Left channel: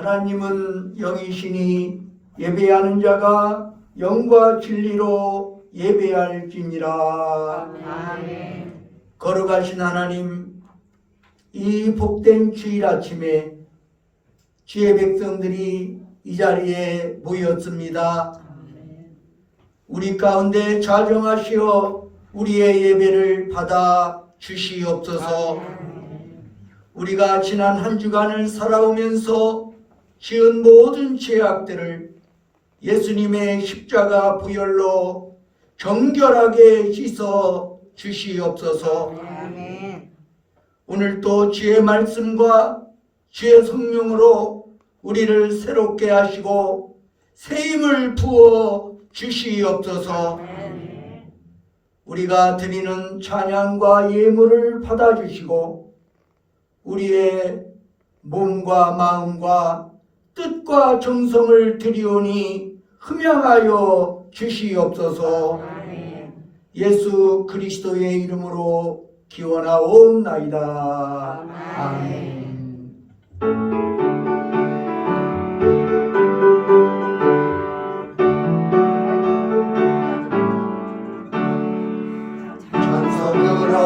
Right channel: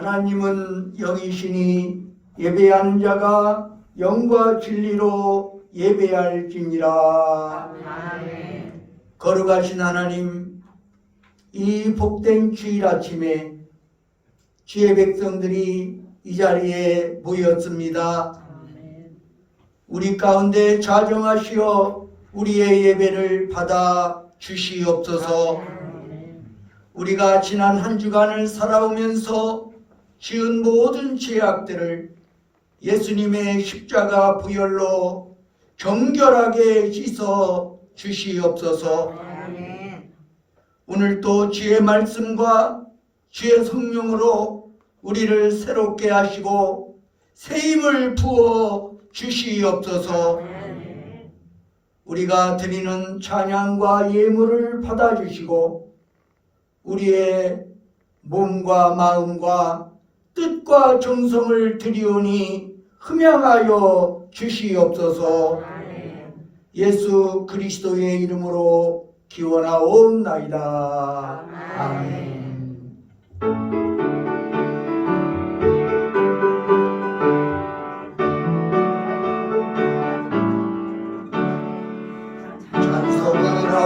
하나님은 영이시니 예배하는 자가 영과 진리로 예배할지니라. 아멘. 거룩하신 하나님, 이 복된 주일 아침에 주의 백성들이 이 자리에 모였습니다. 우리 가운데 자정하시어 우리의 예배를 받아 주시옵소서. 우리가 지난 한 주간을 살아오면서 지은 모든 죄악들을 예수님의 십자가 부혈로 정결하게 씻어 주시옵소서. 오늘도 주의 말씀과 주의 성령으로 우리를 새롭게 하시고 새 힘을 부어 주시옵소서. 우리가 드리는 찬양과 예물을 받아주시고 우리의 몸과 마음과 뜻과 정성을 드리오니 흠양하여 주시옵소서. 예수 그리스도의 이름으로 기원하옵나이다. 아멘.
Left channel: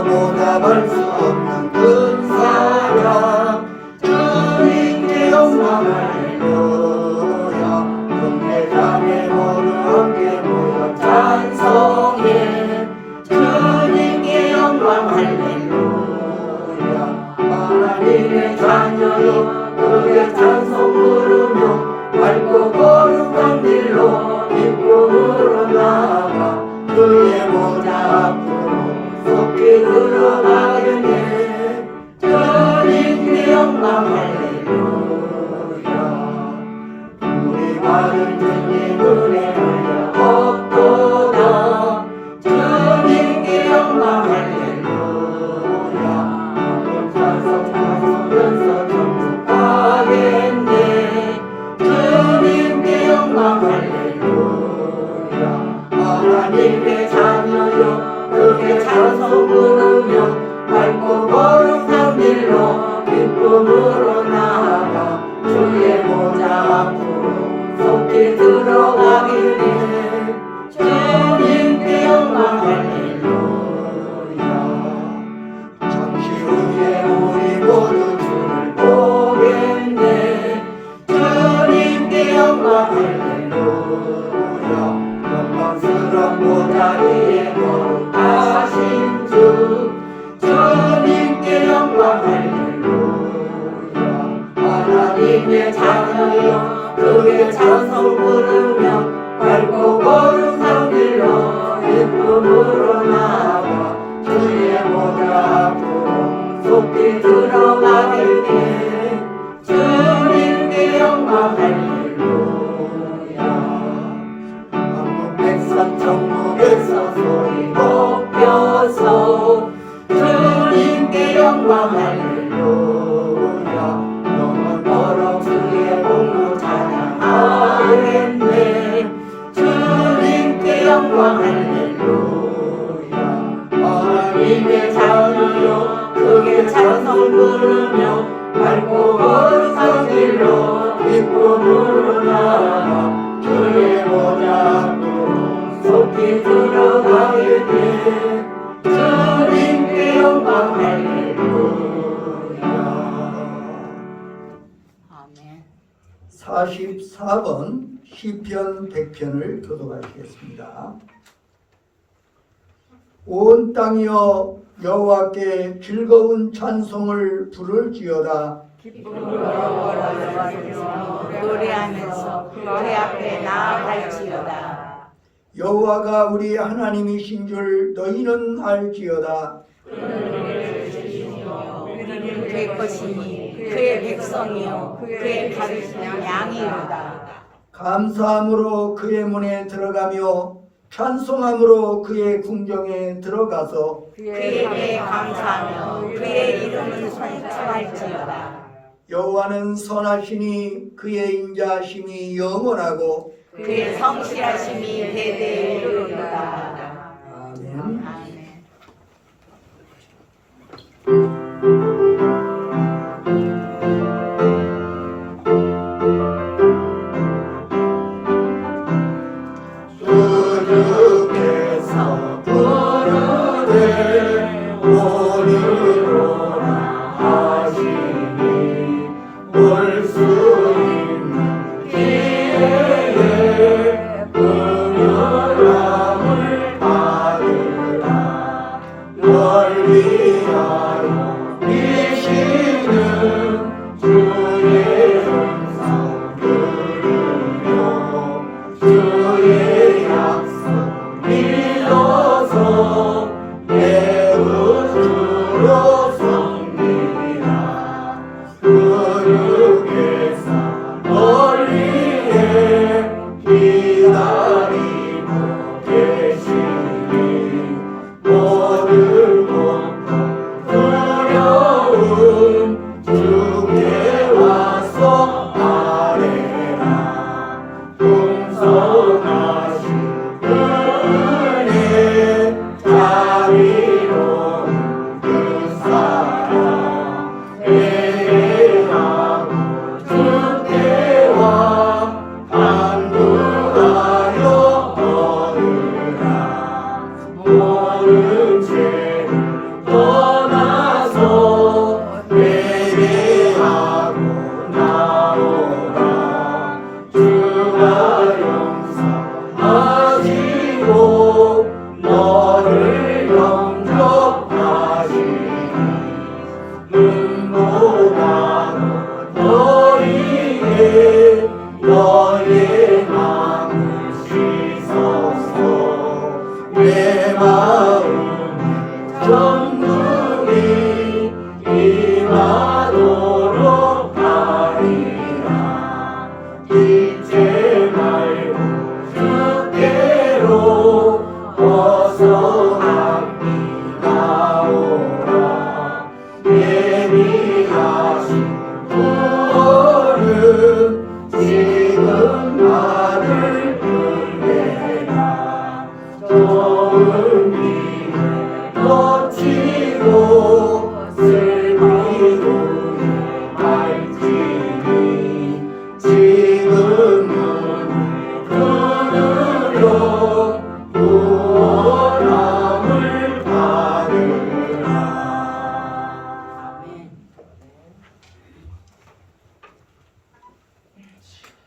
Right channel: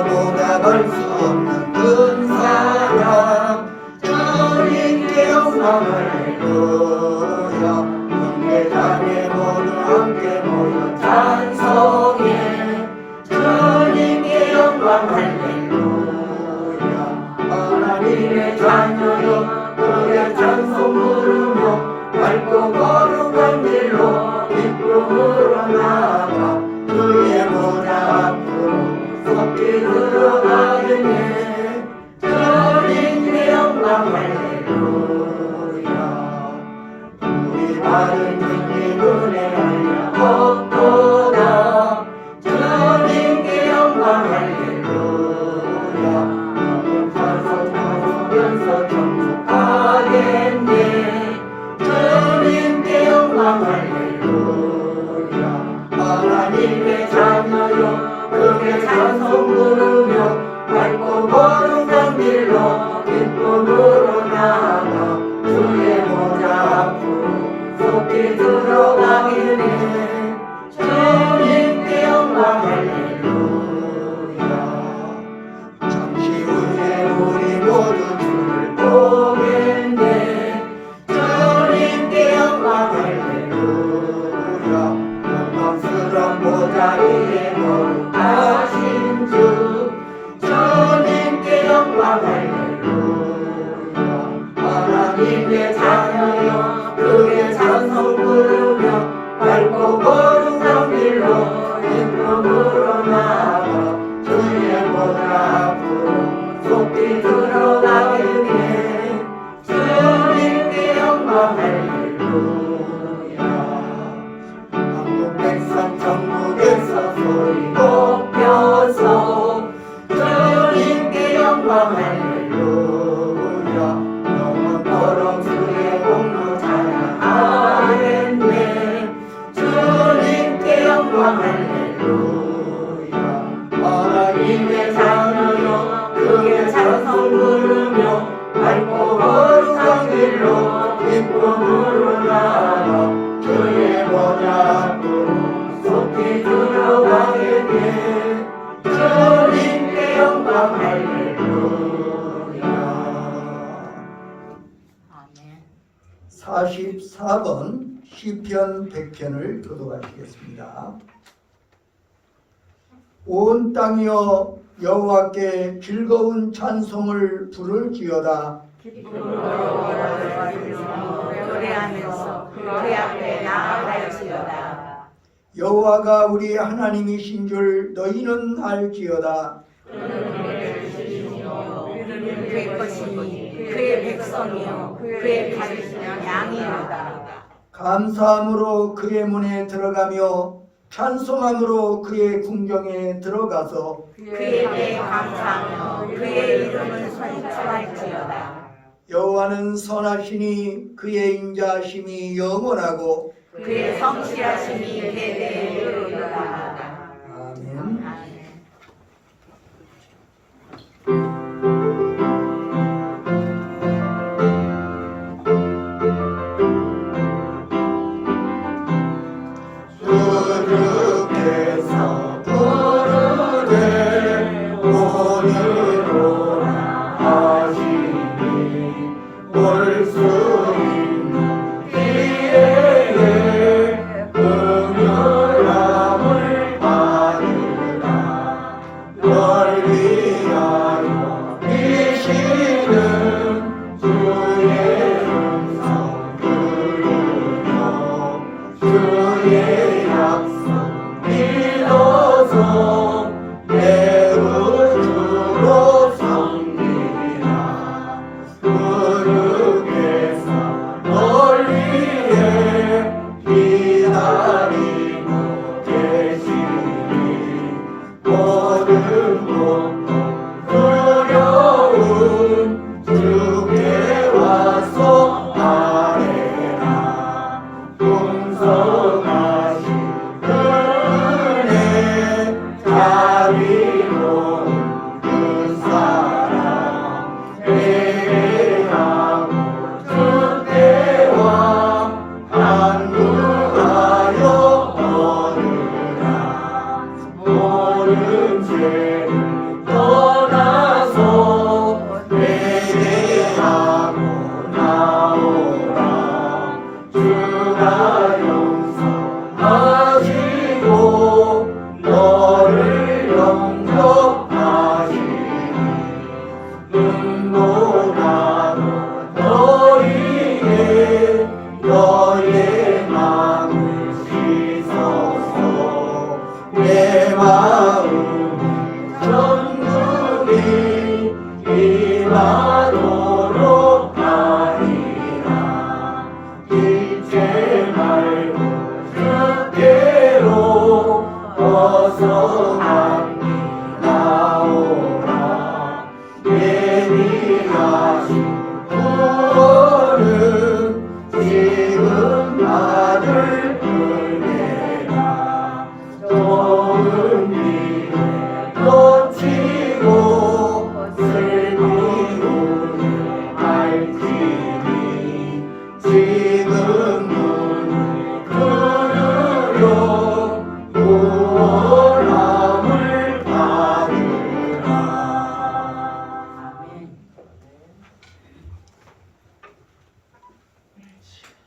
보답할 수 없는 큰 사랑 주님께 영광 할렐루야. 형제자매 모두 함께 모여 찬송해 주님께 영광 할렐루야. 하나님의 자녀여 그의 찬송 부르며 밝고 거룩한 길로 기쁨으로 나아가 그의 보좌 앞으로 속히 들어가겠네. 주님께 영광 할렐루야. 우리 발은 주님 은혜하여 걷도다. 주님께 영광 할렐루야. 묵혀서 부르면서 정복하겠네. 주님께 영광 할렐루야. 하나님의 자녀여 그의 찬송 부르며 밝고 거룩한 길로 기쁨으로 나아가 주의 보좌 앞으로 속히 들어가겠네. 주님께 영광 할렐루야. 잠시 후에 우리 모두 주를 보겠네. 주님께 영광 할렐루야. 영광스러운 보좌 위에 거룩하신 주 주님께 영광 할렐루야. 하나님의 자녀여 그의 찬송 부르며 밝고 거룩한 길로 기쁨으로 나아가 주의 보좌 앞으로 속히 들어가겠네. 주님께 영광 할렐루야. 한국 백성 천국에서 소리 높여서 주님께 영광 할렐루야. 영원토록 주의 공로 찬양하겠네. 주님께 영광 할렐루야. 하나님의 자녀여 그의 찬송 부르며 밝고 거룩한 길로 기쁨으로 나아가 주의 보좌 앞으로 속히 들어가겠네. 주님께 영광 할렐루야. 44번 시편 100편을 교독하시겠습니다. 온 땅이여 여호와께 즐거운 찬송을 부를지어다. 노래하면서 그의 앞에 나아갈지어다. 여호와가 우리 하나님이신 줄 너희는 알지어다. 우리는 그의 것이니 그의 백성이요 그의 가르치는 양이로다. 감사함으로 그의 문에 들어가며 찬송함으로 그의 궁정에 들어가서 그에게 감사하며 그의 이름을 선포할지어다. 여호와는 선하시니 그의 인자하심이 영원하고 그의 성실하심이 대대에 이르리로다. 아멘.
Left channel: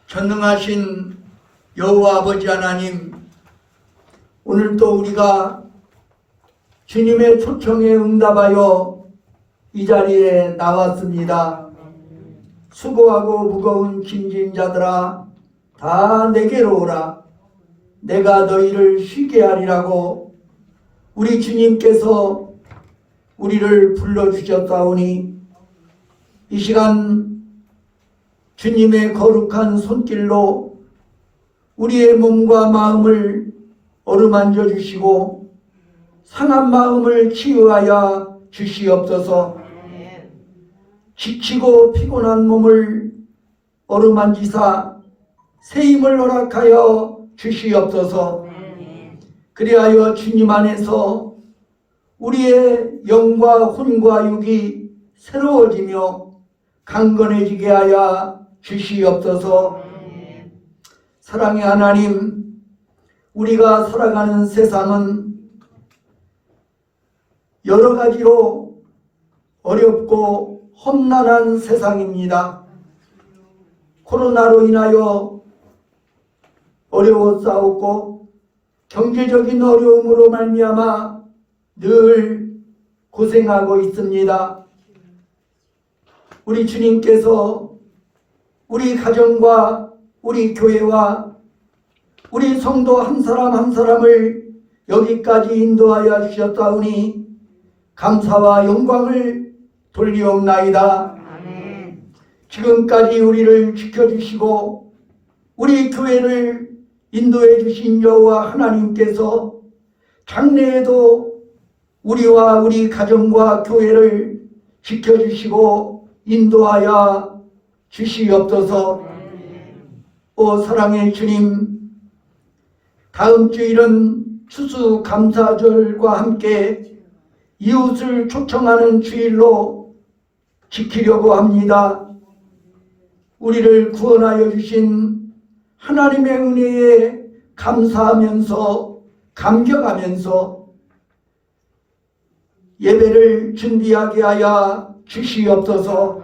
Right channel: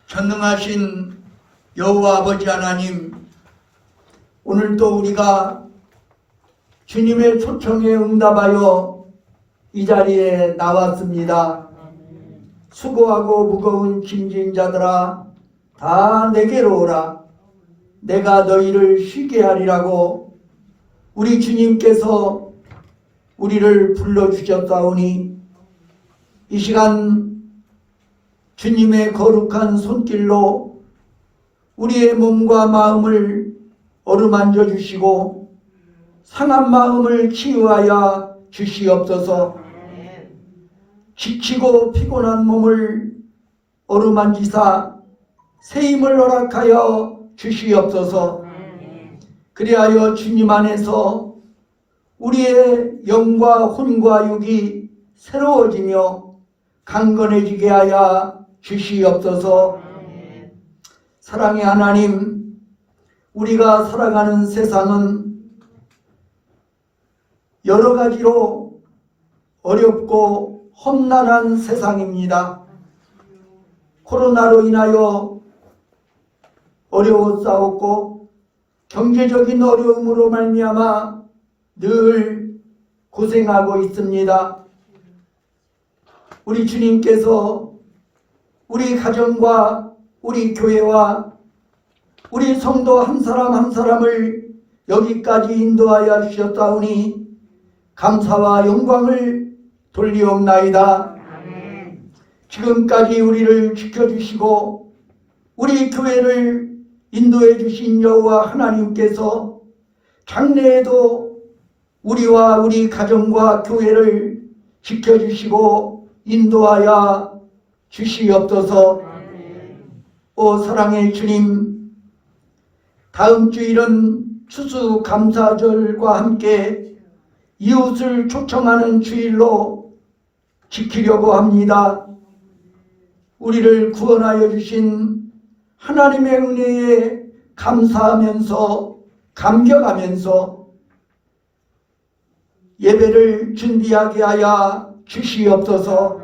전능하신 여호와 아버지 하나님, 오늘도 우리가 주님의 초청에 응답하여 이 자리에 나왔습니다. 수고하고 무거운 짐진 자들아 다 내게로 오라. 내가 너희를 쉬게 하리라고 우리 주님께서 우리를 불러주셨사오니 이 시간 주님의 거룩한 손길로 우리의 몸과 마음을 어루만져 주시고 상한 마음을 치유하여 주시옵소서. 지치고 피곤한 몸을 어루만지사 새 힘을 허락하여 주시옵소서. 그리하여 주님 안에서 우리의 영과 혼과 육이 새로워지며 강건해지게 하여 주시옵소서. 사랑의 하나님, 우리가 살아가는 세상은 여러 가지로 어렵고 험난한 세상입니다. 코로나로 인하여 어려웠사옵고 경제적인 어려움으로 말미암아 늘 고생하고 있습니다. 우리 주님께서 우리 가정과 우리 교회와 우리 성도 한 사람 한 사람을 여기까지 인도하여 주셨다오니 감사와 영광을 돌리옵나이다. 지금까지 우리를 지켜주시고 우리 교회를 인도해 주신 여호와 하나님께서 장래에도 우리와 우리 가정과 교회를 지켜주시고 인도하여 주시옵소서. 오 사랑의 주님, 다음 주일은 추수감사절과 함께 이웃을 초청하는 주일로 지키려고 합니다. 우리를 구원하여 주신 하나님의 은혜에 감사하면서 감격하면서 예배를 준비하게 하여 주시옵소서.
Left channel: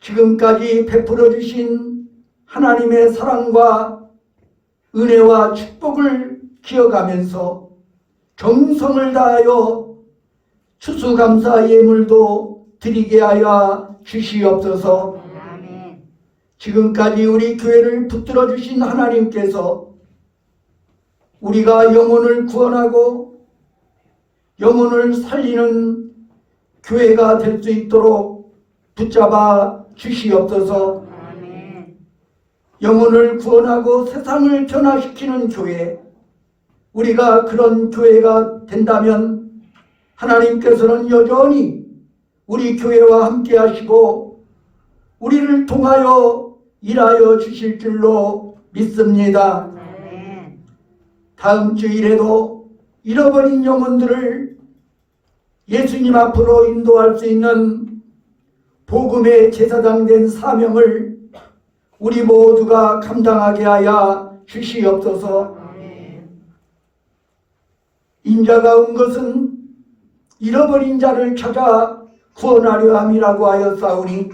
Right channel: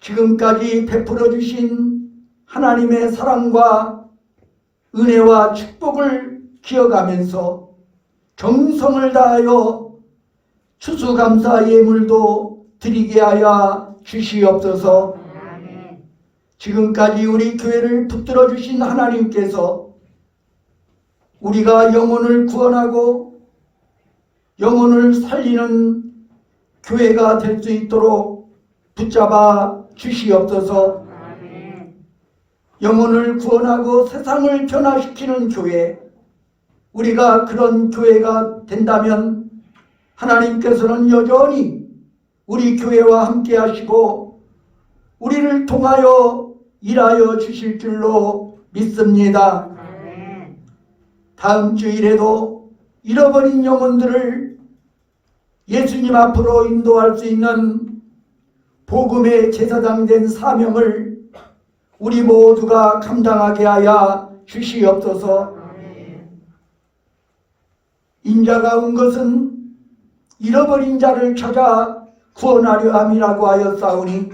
지금까지 베풀어 주신 하나님의 사랑과 은혜와 축복을 기억하면서 정성을 다하여 추수감사 예물도 드리게 하여 주시옵소서. 지금까지 우리 교회를 붙들어 주신 하나님께서 우리가 영혼을 구원하고 영혼을 살리는 교회가 될 수 있도록 붙잡아 주시옵소서. 영혼을 구원하고 세상을 변화시키는 교회, 우리가 그런 교회가 된다면 하나님께서는 여전히 우리 교회와 함께 하시고 우리를 통하여 일하여 주실 줄로 믿습니다. 다음 주일에도 잃어버린 영혼들을 예수님 앞으로 인도할 수 있는 복음의 제사장 된 사명을 우리 모두가 감당하게 하여 주시옵소서. 인자가 온 것은 잃어버린 자를 찾아 구원하려 함이라고 하였사오니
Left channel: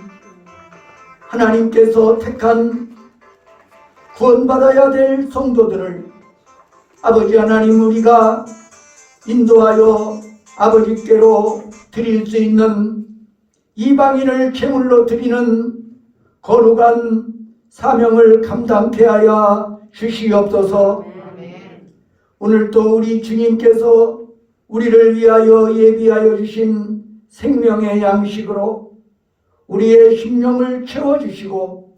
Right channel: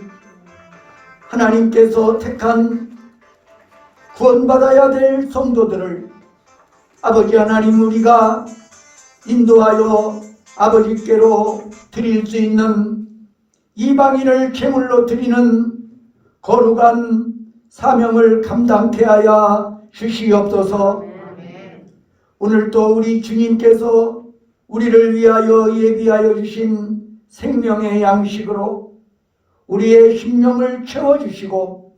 하나님께서 택한 구원받아야 될 성도들을 아버지 하나님 우리가 인도하여 아버지께로 드릴 수 있는 이방인을 제물로 드리는 거룩한 사명을 감당케 하여 주시옵소서. 오늘도 우리 주님께서 우리를 위하여 예비하여 주신 생명의 양식으로 우리의 심령을 채워주시고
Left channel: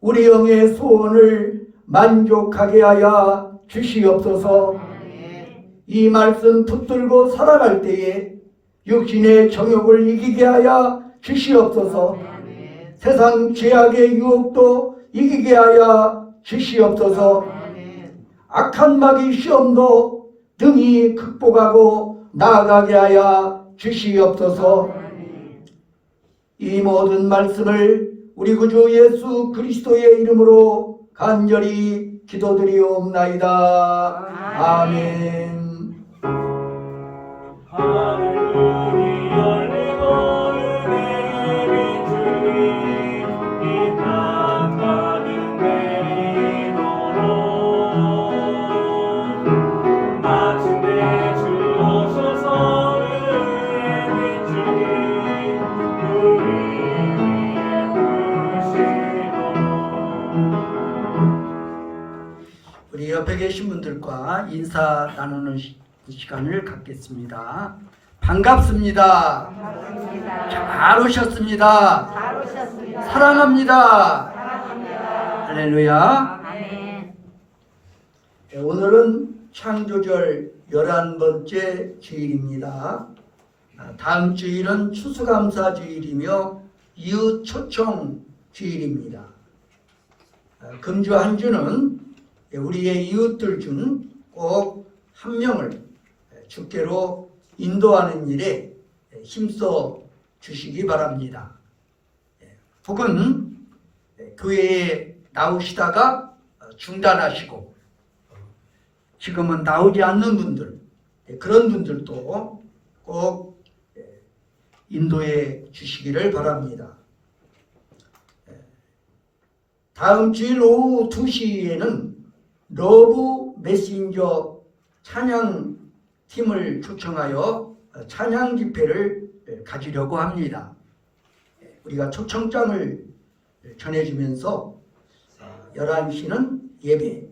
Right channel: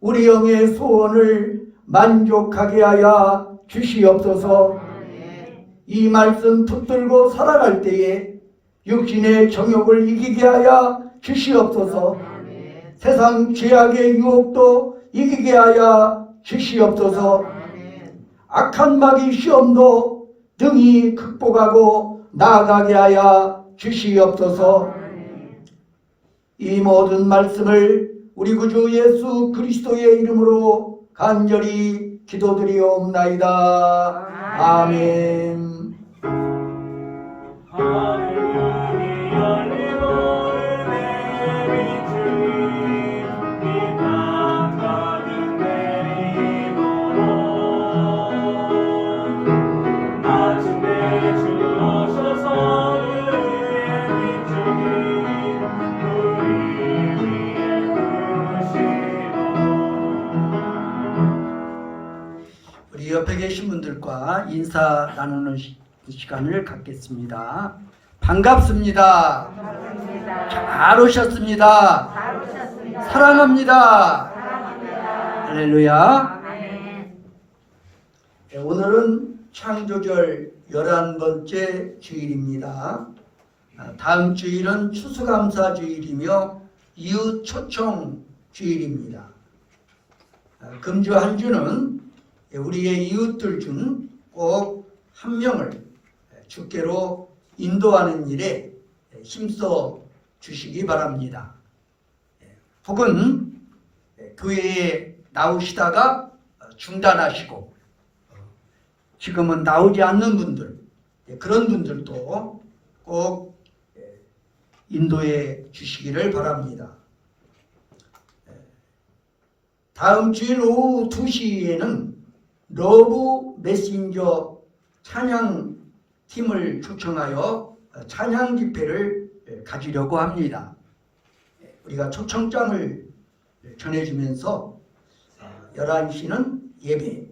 우리 영의 소원을 만족하게 하여 주시옵소서. 이 말씀 붙들고 살아갈 때에 육신의 정욕을 이기게 하여 주시옵소서. 세상 죄악의 유혹도 이기게 하여 주시옵소서. 악한 마귀 시험도 능히 극복하고 나아가게 하여 주시옵소서. 이 모든 말씀을 우리 구주 예수 그리스도의 이름으로 간절히 기도드리옵나이다. 아멘. 할렐루야, 내 주님, 이 강가는 앞에 계신 분들과 인사 나누는 시간을 갖겠습니다. 반갑습니다. 잘 오셨습니다. 사랑합니다. 할렐루야. 네, 오늘은 창조절 11번째 주일입니다. 다음 주일은 추수감사 주일이며 이웃 초청 주일입니다. 금주 한 주는 우리의 이웃들 중 꼭 한 명을 주께로 인도하는 일에 힘써 주시기 바랍니다. 혹은 교회에 나오시다가 중단하시고 지금은 나오지 않는 분들, 그런 분들도 꼭 인도해 주시기를 바랍니다. 다음 주일 오후 2시에는 러브 메신저 찬양팀을 초청하여 찬양 집회를 가지려고 합니다. 우리가 초청장을 전해주면서 11시는 예배,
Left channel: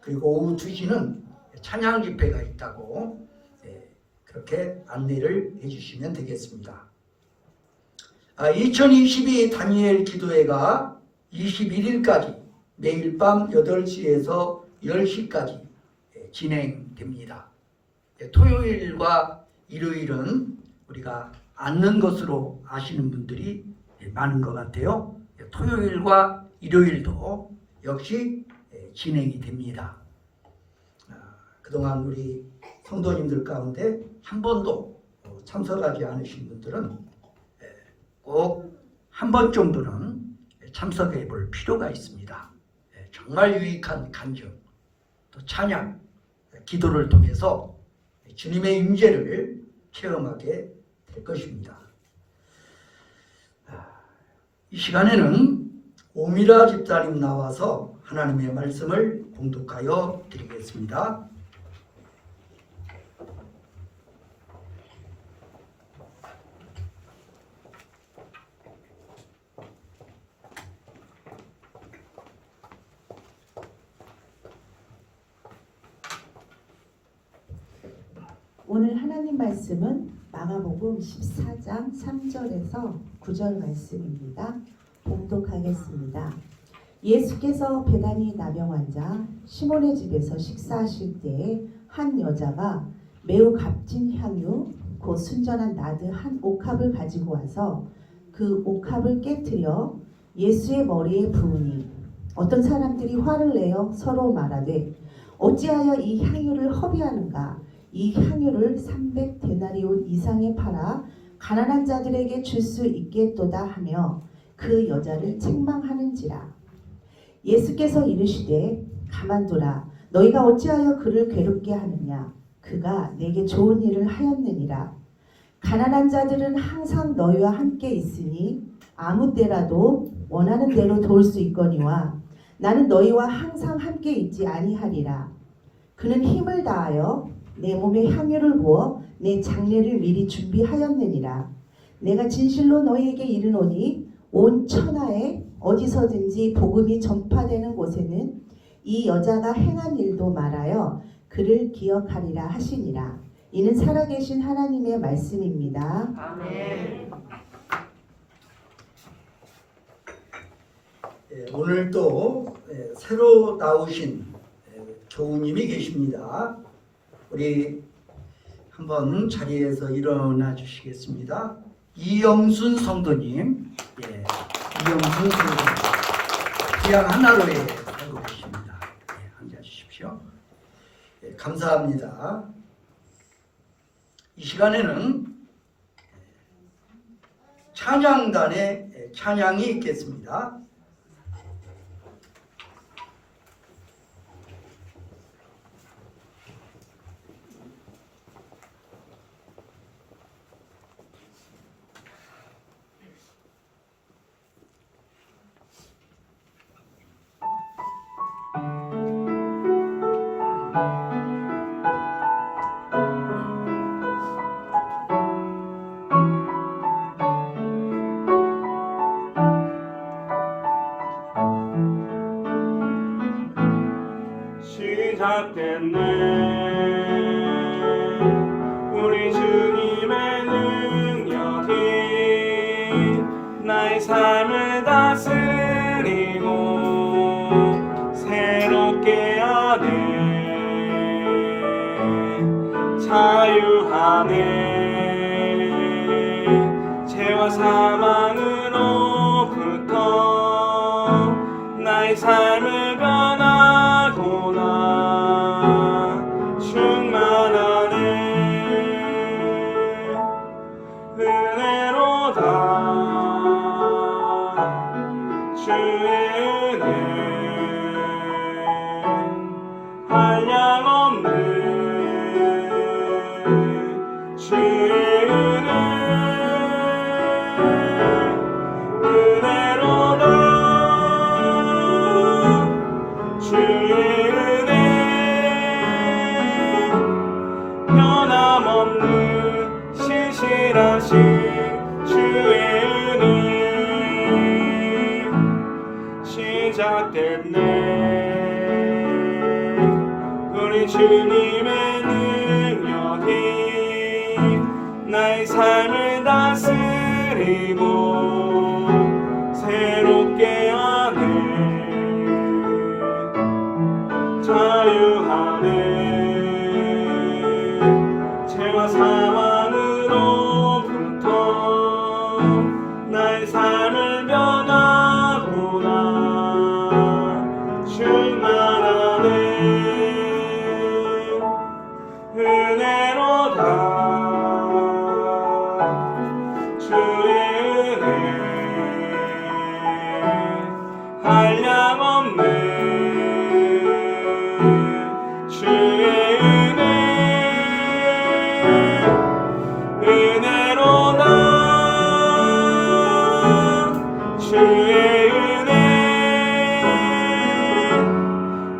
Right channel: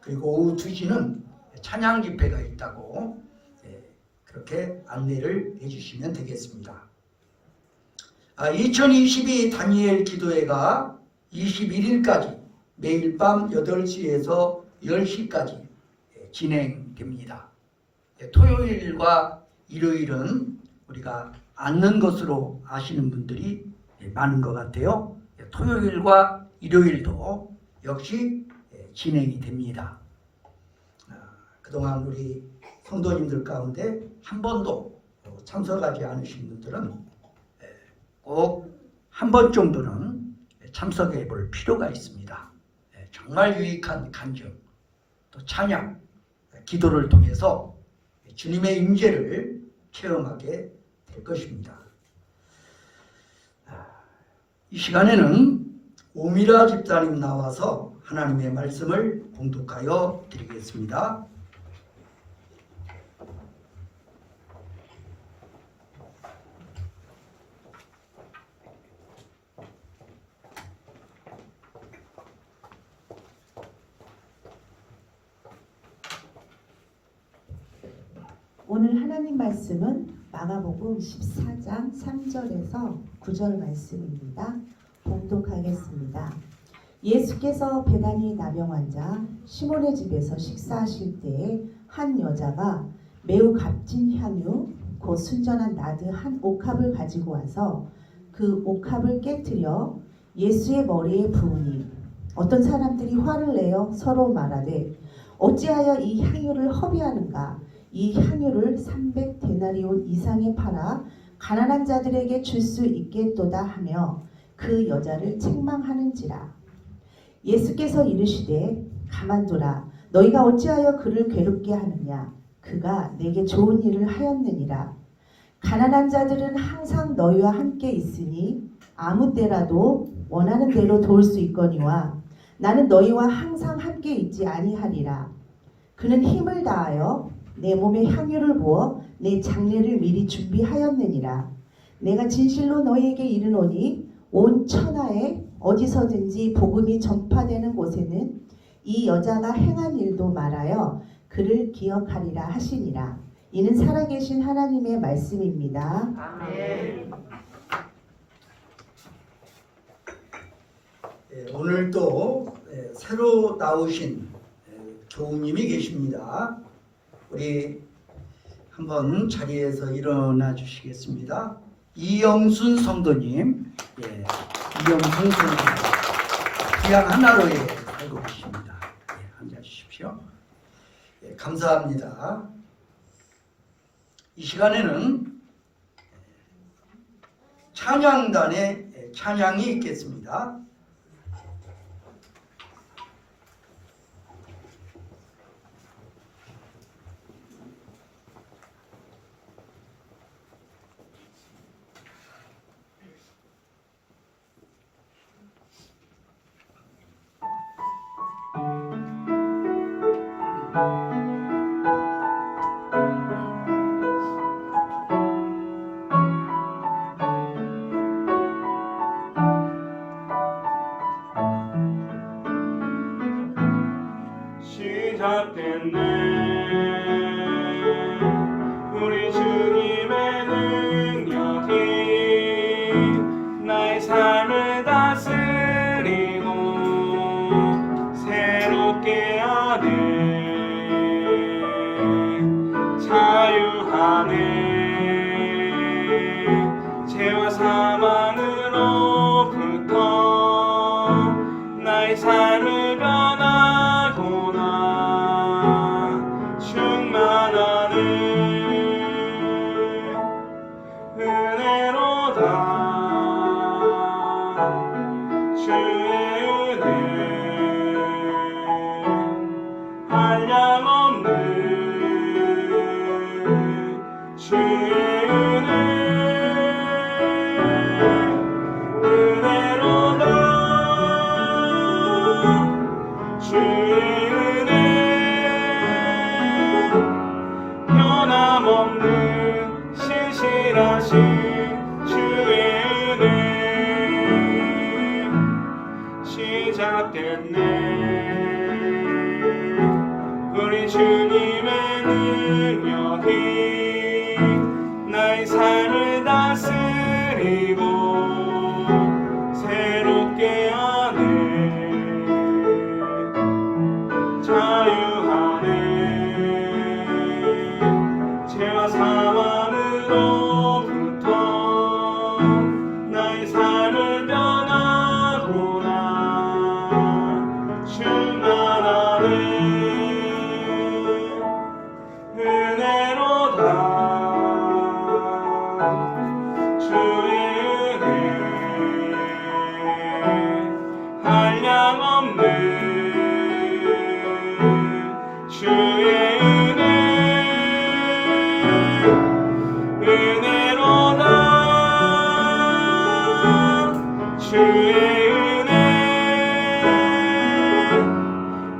그리고 오후 2시는 찬양 집회가 있다고 그렇게 안내를 해주시면 되겠습니다. 2022 다니엘 기도회가 21일까지 매일 밤 8시에서 10시까지 진행됩니다. 토요일과 일요일은 우리가 앉는 것으로 아시는 분들이 많은 것 같아요. 토요일과 일요일도 역시 진행이 됩니다. 그동안 우리 성도님들 가운데 한 번도 참석하지 않으신 분들은 꼭 한 번 정도는 참석해 볼 필요가 있습니다. 정말 유익한 간증, 또 찬양, 기도를 통해서 주님의 임재를 체험하게 될 것입니다. 이 시간에는 오미라 집사님 나와서 하나님의 말씀을 봉독하여 드리겠습니다. 오늘 하나님 말씀은 마가복음 14장 3절에서 9절 말씀입니다. 봉독하겠습니다. 예수께서 베다니 나병 환자 시몬의 집에서 식사하실 때에 한 여자가 매우 값진 향유 곧 순전한 나드 한 옥합을 가지고 와서 그 옥합을 깨뜨려 예수의 머리에 부으니 어떤 사람들이 화를 내어 서로 말하되 어찌하여 이 향유를 허비하는가? 이 향유를 300데나리온 이상에 팔아 가난한 자들에게 줄 수 있겠도다 하며 그 여자를 책망하는지라. 예수께서 이르시되 가만두라. 너희가 어찌하여 그를 괴롭게 하느냐? 그가 내게 좋은 일을 하였느니라. 가난한 자들은 항상 너희와 함께 있으니 아무 때라도 원하는 대로 도울 수 있거니와 나는 너희와 항상 함께 있지 아니하리라. 그는 힘을 다하여 내 몸에 향유를 부어 내 장례를 미리 준비하였느니라. 내가 진실로 너희에게 이르노니 온 천하에 어디서든지 복음이 전파되는 곳에는 이 여자가 행한 일도 말하여 그를 기억하리라 하시니라. 이는 살아계신 하나님의 말씀입니다. 아멘. 오늘도 새로 나오신 교우님이 계십니다. 우리 한번 자리에서 일어나 주시겠습니다. 이영순 성도님, 이영순 성도님, 기양 하나로에 살고 계십니다. 앉아 주십시오. 감사합니다. 이 시간에는 찬양단의 찬양이 있겠습니다. 찾는 우리 주님의 능력이 나의 삶을 다스리고 새롭게 하네. 자유하네. 죄와 사망으로부터 나의 삶을 변하구나. 충만하네. 은혜로다. 주의 은혜 한량없는 주의 은혜 은혜로다. 주의 은혜 변함없는 신실하신 주의 은혜 시작됐네. 우리 주님의 능력이 나의 삶을 다스리고 새롭게 하네. 자유하네. 죄와 사망으로부터 나의 삶을 변하구나. 충만하네. 은혜로다. 주의 은혜 한량없는 주의 은혜 은혜로다. 주의 은혜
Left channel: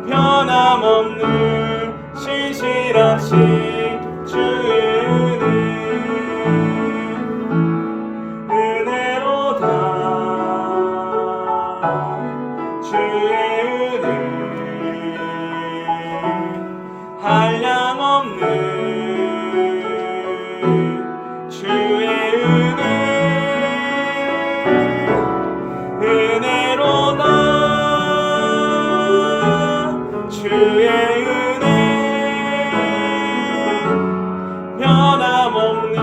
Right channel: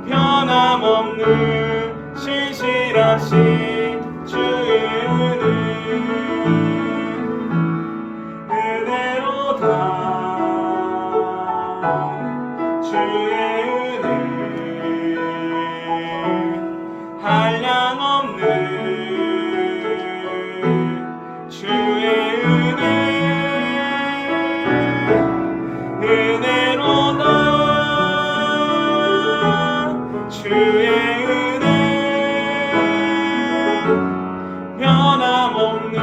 변함없는 신실하신 주의 은혜 은혜로다. 주의 은혜 한량없는 주의 은혜 은혜로다. 주의 은혜 변함없는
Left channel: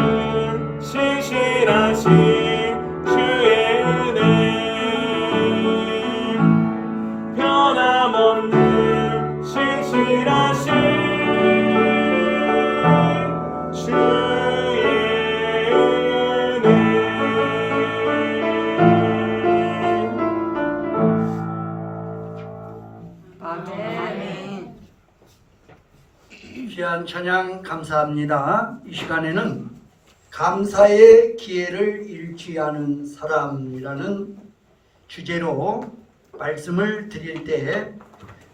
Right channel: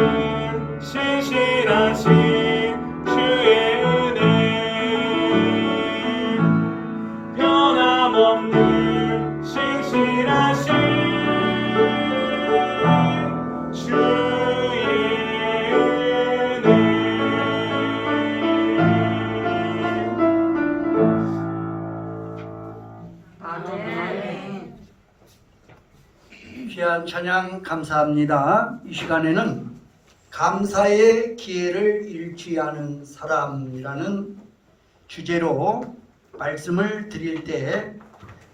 신실하신 주의 은혜 변함없는 신실하신 주의 은혜. 아멘. 귀한 찬양 감사합니다. 이 시간에는 감사의 기회를 잃지 않은 사람이라는 주제로 말씀을 드릴 때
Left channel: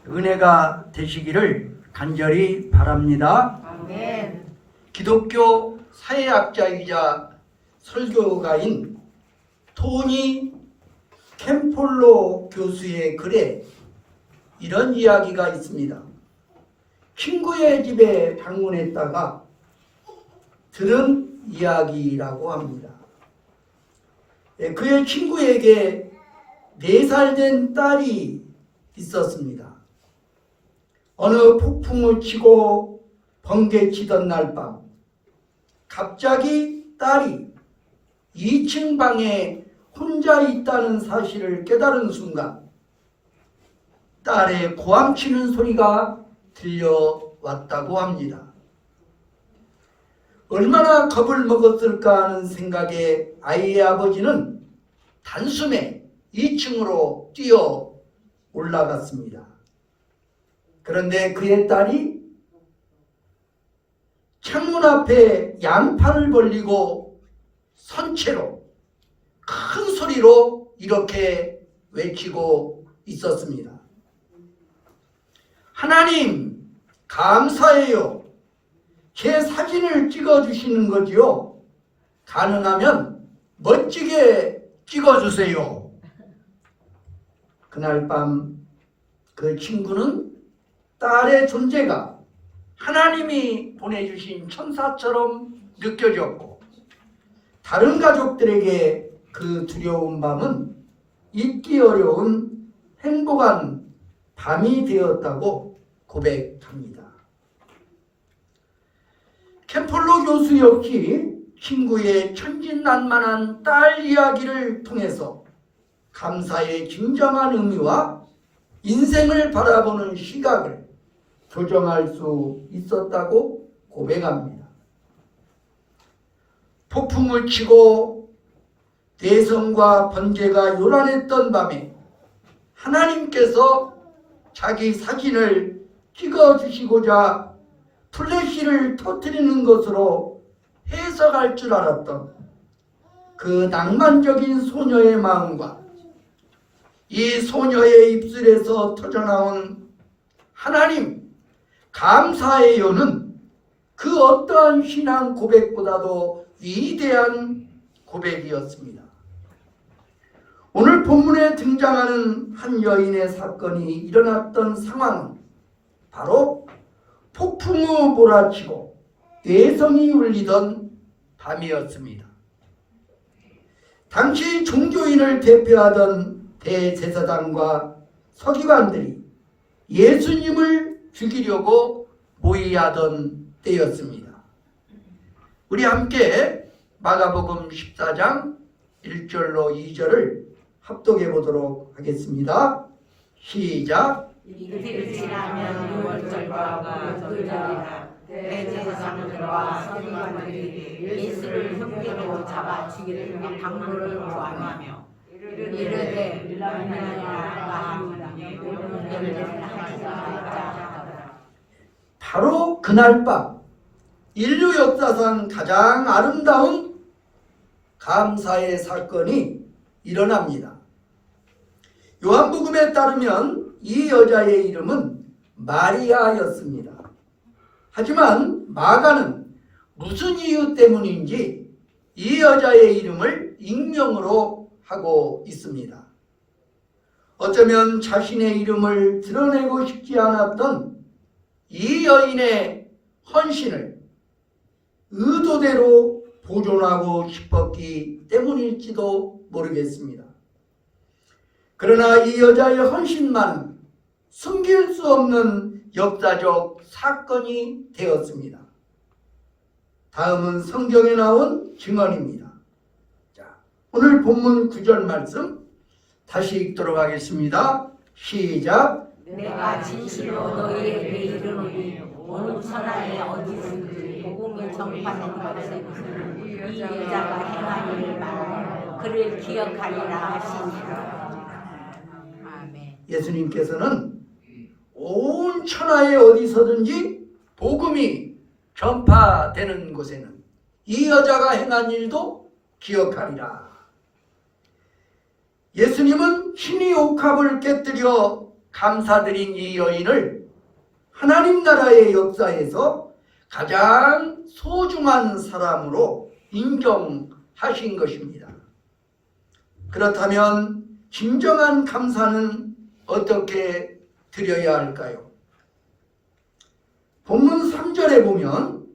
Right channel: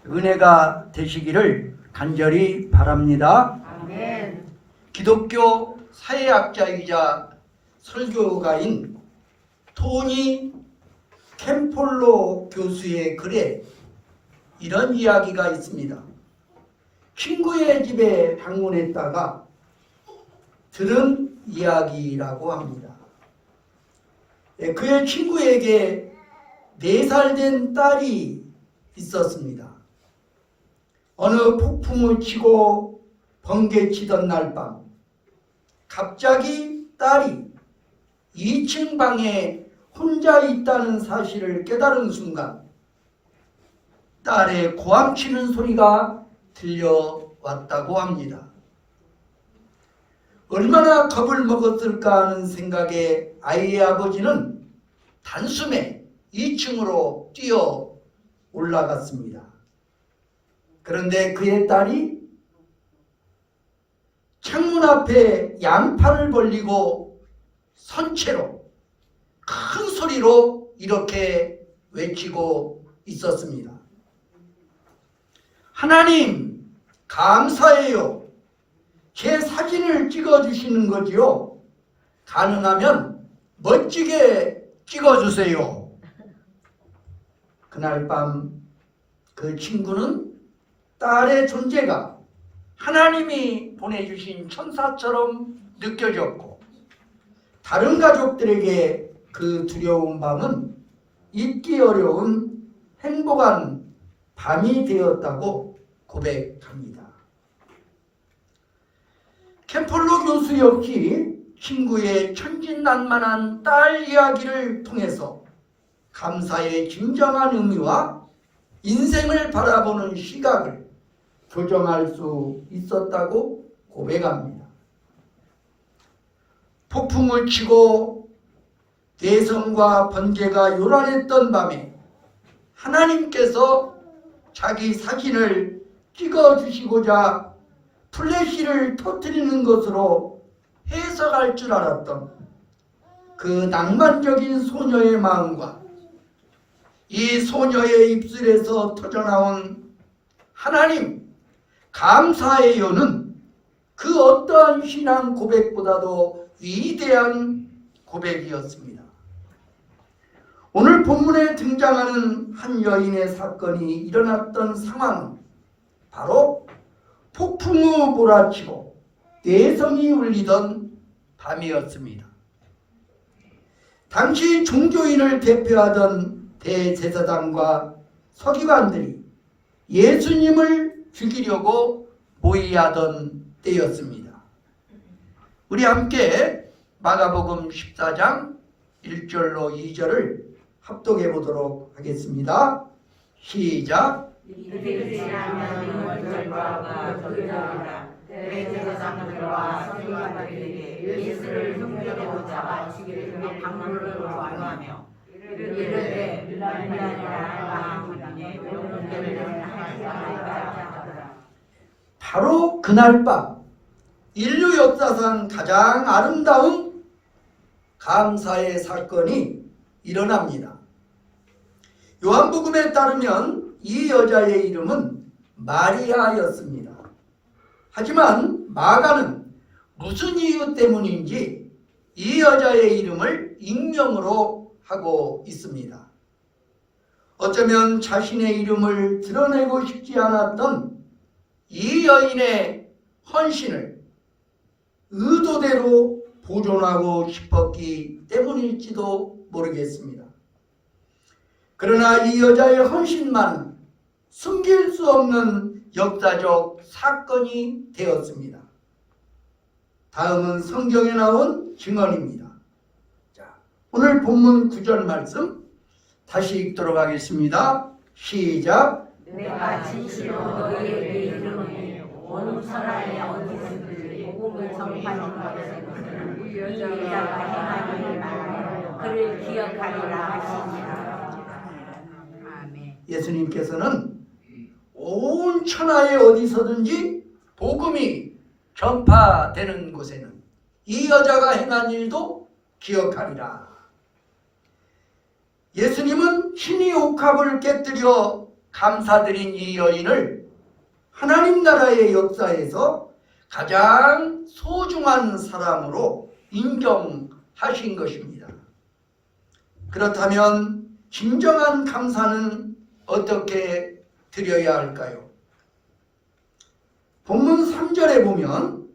은혜가 되시기를 간절히 바랍니다. 아멘. 기독교 사회학자이자 설교가인 토니 캠폴로 교수의 글에 이런 이야기가 있습니다. 친구의 집에 방문했다가 들은 이야기라고 합니다. 그의 친구에게 4살 된 딸이 있었습니다. 어느 폭풍을 치고 번개치던 날 밤 갑자기 딸이 2층 방에 혼자 있다는 사실을 깨달은 순간 딸의 고함치는 소리가 들려왔다고 합니다. 얼마나 겁을 먹었을까 하는 생각에 아이의 아버지는 단숨에 2층으로 뛰어 올라갔습니다. 그런데 그의 딸이 창문 앞에 양팔을 벌리고 선 채로 큰 소리로 이렇게 외치고 있었습니다. 하나님, 감사해요. 제 사진을 찍어주시는 거지요. 가능하면 멋지게 찍어주세요. 그날 밤 그 친구는 딸의 존재가 하나님이 보내주신 천사처럼 느껴졌고 다른 가족들에게 그 두려운 밤은 잊기 어려운 행복한 밤이 되었다고 고백합니다. 캠폴로 교수 역시 친구의 천진난만한 딸 이야기를 통해서 감사의 진정한 의미와 인생을 바라보는 시각을 교정할 수 있었다고 고백합니다. 폭풍을 치고 대성과 번개가 요란했던 밤에 하나님께서 자기 사진을 찍어주시고자 플래시를 터뜨리는 것으로 해석할 줄 알았던 그 낭만적인 소녀의 마음과 이 소녀의 입술에서 터져나온 하나님 감사해요는 그 어떠한 신앙 고백보다도 위대한 고백이었습니다. 오늘 본문에 등장하는 한 여인의 사건이 일어났던 상황은 바로 폭풍우 몰아치고 대성이 울리던 밤이었습니다. 당시 종교인을 대표하던 대제사장과 서기관들이 예수님을 죽이려고 모의하던 때였습니다. 우리 함께 마가복음 14장 1절로 2절을 합독해 보도록 하겠습니다. 시작. 이틀 지나면 원정과 도적이라 대제사장들과 서기관들이 예수를 흉내내고 잡아 죽이려고 방문으로 왕하며 이르되 너희 아니라 하나님의 명령을 하시자 하더라. 바로 그날 밤 인류 역사상 가장 아름다운 감사의 사건이 일어납니다. 요한복음에 따르면 이 여자의 이름은 마리아였습니다. 하지만 마가는 무슨 이유 때문인지 이 여자의 이름을 익명으로 하고 있습니다. 어쩌면 자신의 이름을 드러내고 싶지 않았던 이 여인의 헌신을 의도대로 보존하고 싶었기 때문일지도 모르겠습니다. 그러나 이 여자의 헌신만 숨길 수 없는 역사적 사건이 되었습니다. 다음은 성경에 나온 증언입니다. 자, 오늘 본문 9절 말씀 다시 읽도록 하겠습니다. 시작. 내가 진실로 너희에게 이르노니 온 천하에 어디든지 복음을 전파하는 것은 이 여자가 행함을 말하며 그를 기억하리라 하시니라. 아멘. 예수님께서는 온 천하에 어디서든지 복음이 전파되는 곳에는 이 여자가 행한 일도 기억하리라. 예수님은 신이 옥합을 깨뜨려 감사드린 이 여인을 하나님 나라의 역사에서 가장 소중한 사람으로 인정하신 것입니다. 그렇다면 진정한 감사는 어떻게 드려야 할까요? 본문 3절에 보면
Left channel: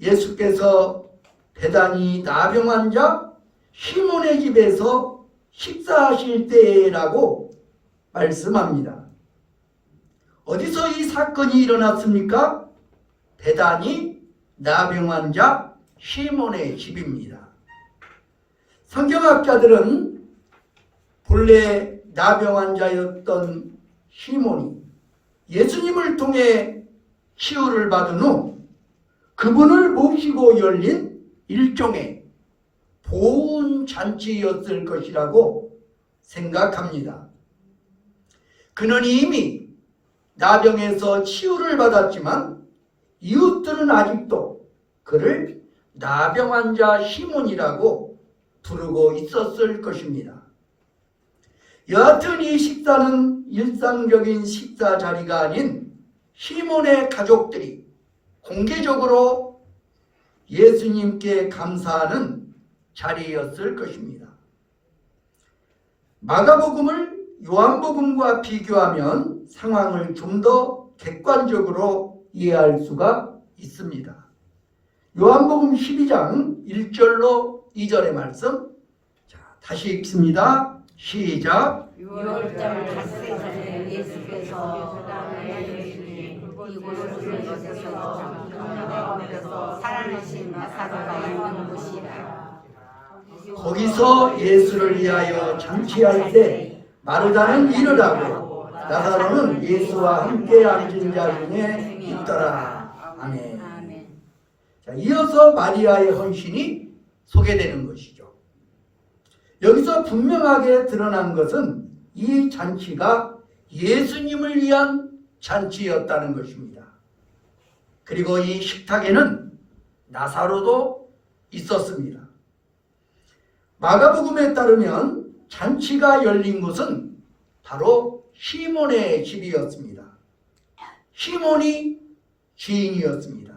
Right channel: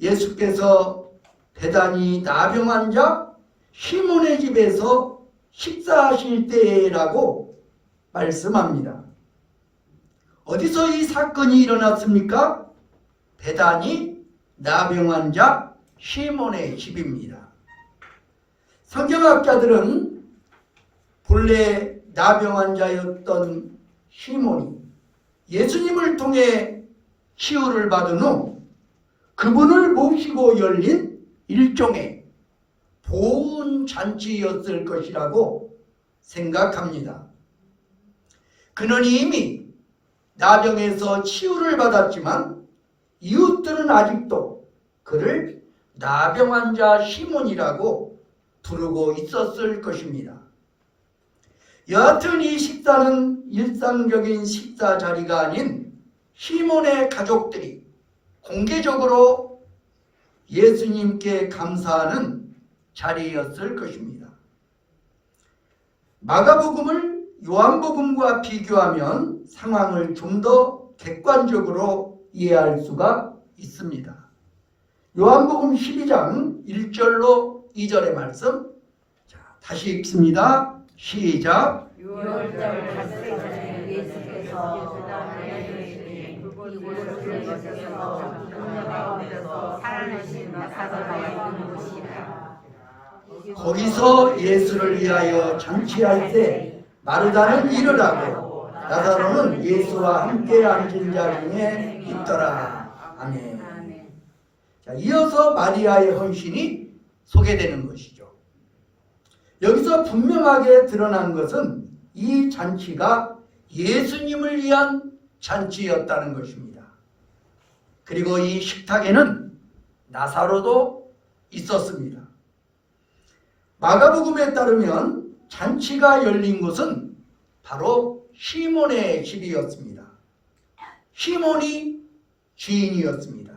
예수께서 베다니 나병 환자 시몬의 집에서 식사하실 때라고 말씀합니다. 어디서 이 사건이 일어났습니까? 베다니 나병 환자 시몬의 집입니다. 성경학자들은 본래 나병 환자였던 시몬이 예수님을 통해 치유를 받은 후 그분을 모시고 열린 일종의 보훈 잔치였을 것이라고 생각합니다. 그는 이미 나병에서 치유를 받았지만 이웃들은 아직도 그를 나병 환자 시몬이라고 부르고 있었을 것입니다. 여하튼 이 식사는 일상적인 식사 자리가 아닌 시몬의 가족들이 공개적으로 예수님께 감사하는 자리였을 것입니다. 마가복음을 요한복음과 비교하면 상황을 좀 더 객관적으로 이해할 수가 있습니다. 요한복음 12장 1절로 2절의 말씀, 자, 다시 읽습니다. 시작. 6월절 닷새 전에 예수께서 이곳에서 기독자 가운데서 살아나신 나사로가 있는 곳이라. 거기서 예수를 위하여 잔치할 때 마르다는 일을 하고 나사로는 예수와 함께 앉은 자 중에 있더라. 아멘. 자, 이어서 마리아의 헌신이 소개되는 것이죠. 여기서 분명하게 드러난 것은 이 잔치가 예수님을 위한 잔치였다는 것입니다. 그리고 이 식탁에는 나사로도 있었습니다. 마가복음에 따르면 잔치가 열린 곳은 바로 시몬의 집이었습니다. 시몬이 주인이었습니다.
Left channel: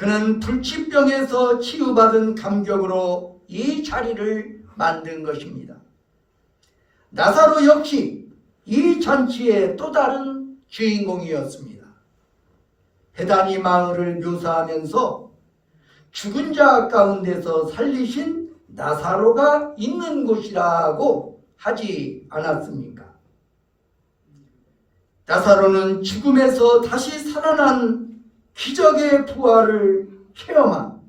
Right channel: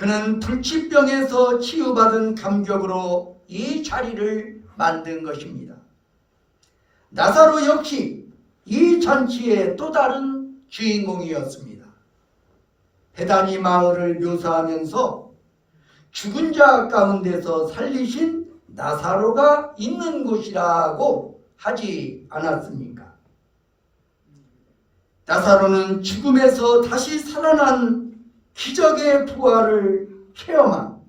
그는 불치병에서 치유받은 감격으로 이 자리를 만든 것입니다. 나사로 역시 이 잔치의 또 다른 주인공이었습니다. 베다니 마을을 묘사하면서 죽은 자 가운데서 살리신 나사로가 있는 곳이라고 하지 않았습니까? 나사로는 죽음에서 다시 살아난 기적의 부활을 체험한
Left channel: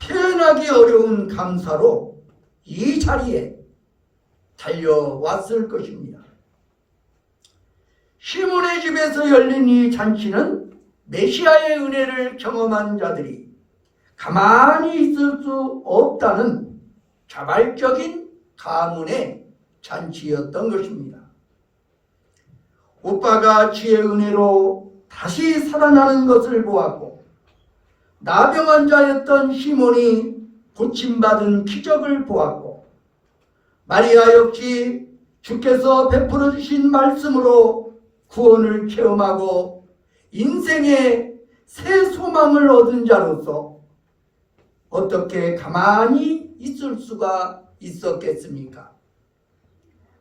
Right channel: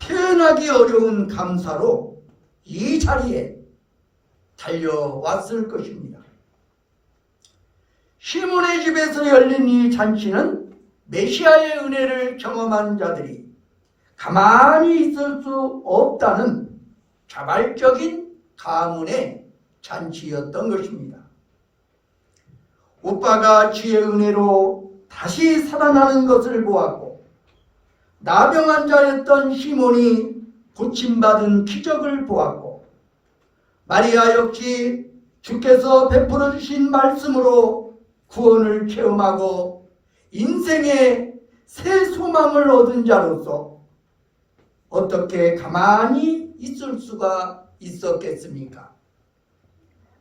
표현하기 어려운 감사로 이 자리에 달려왔을 것입니다. 시몬의 집에서 열린 이 잔치는 메시아의 은혜를 경험한 자들이 가만히 있을 수 없다는 자발적인 가문의 잔치였던 것입니다. 오빠가 주의 은혜로 다시 살아나는 것을 보았고 나병 환자였던 시몬이 고침받은 기적을 보았고 마리아 역시 주께서 베풀어 주신 말씀으로 구원을 체험하고 인생의 새 소망을 얻은 자로서 어떻게 가만히 있을 수가 있었겠습니까?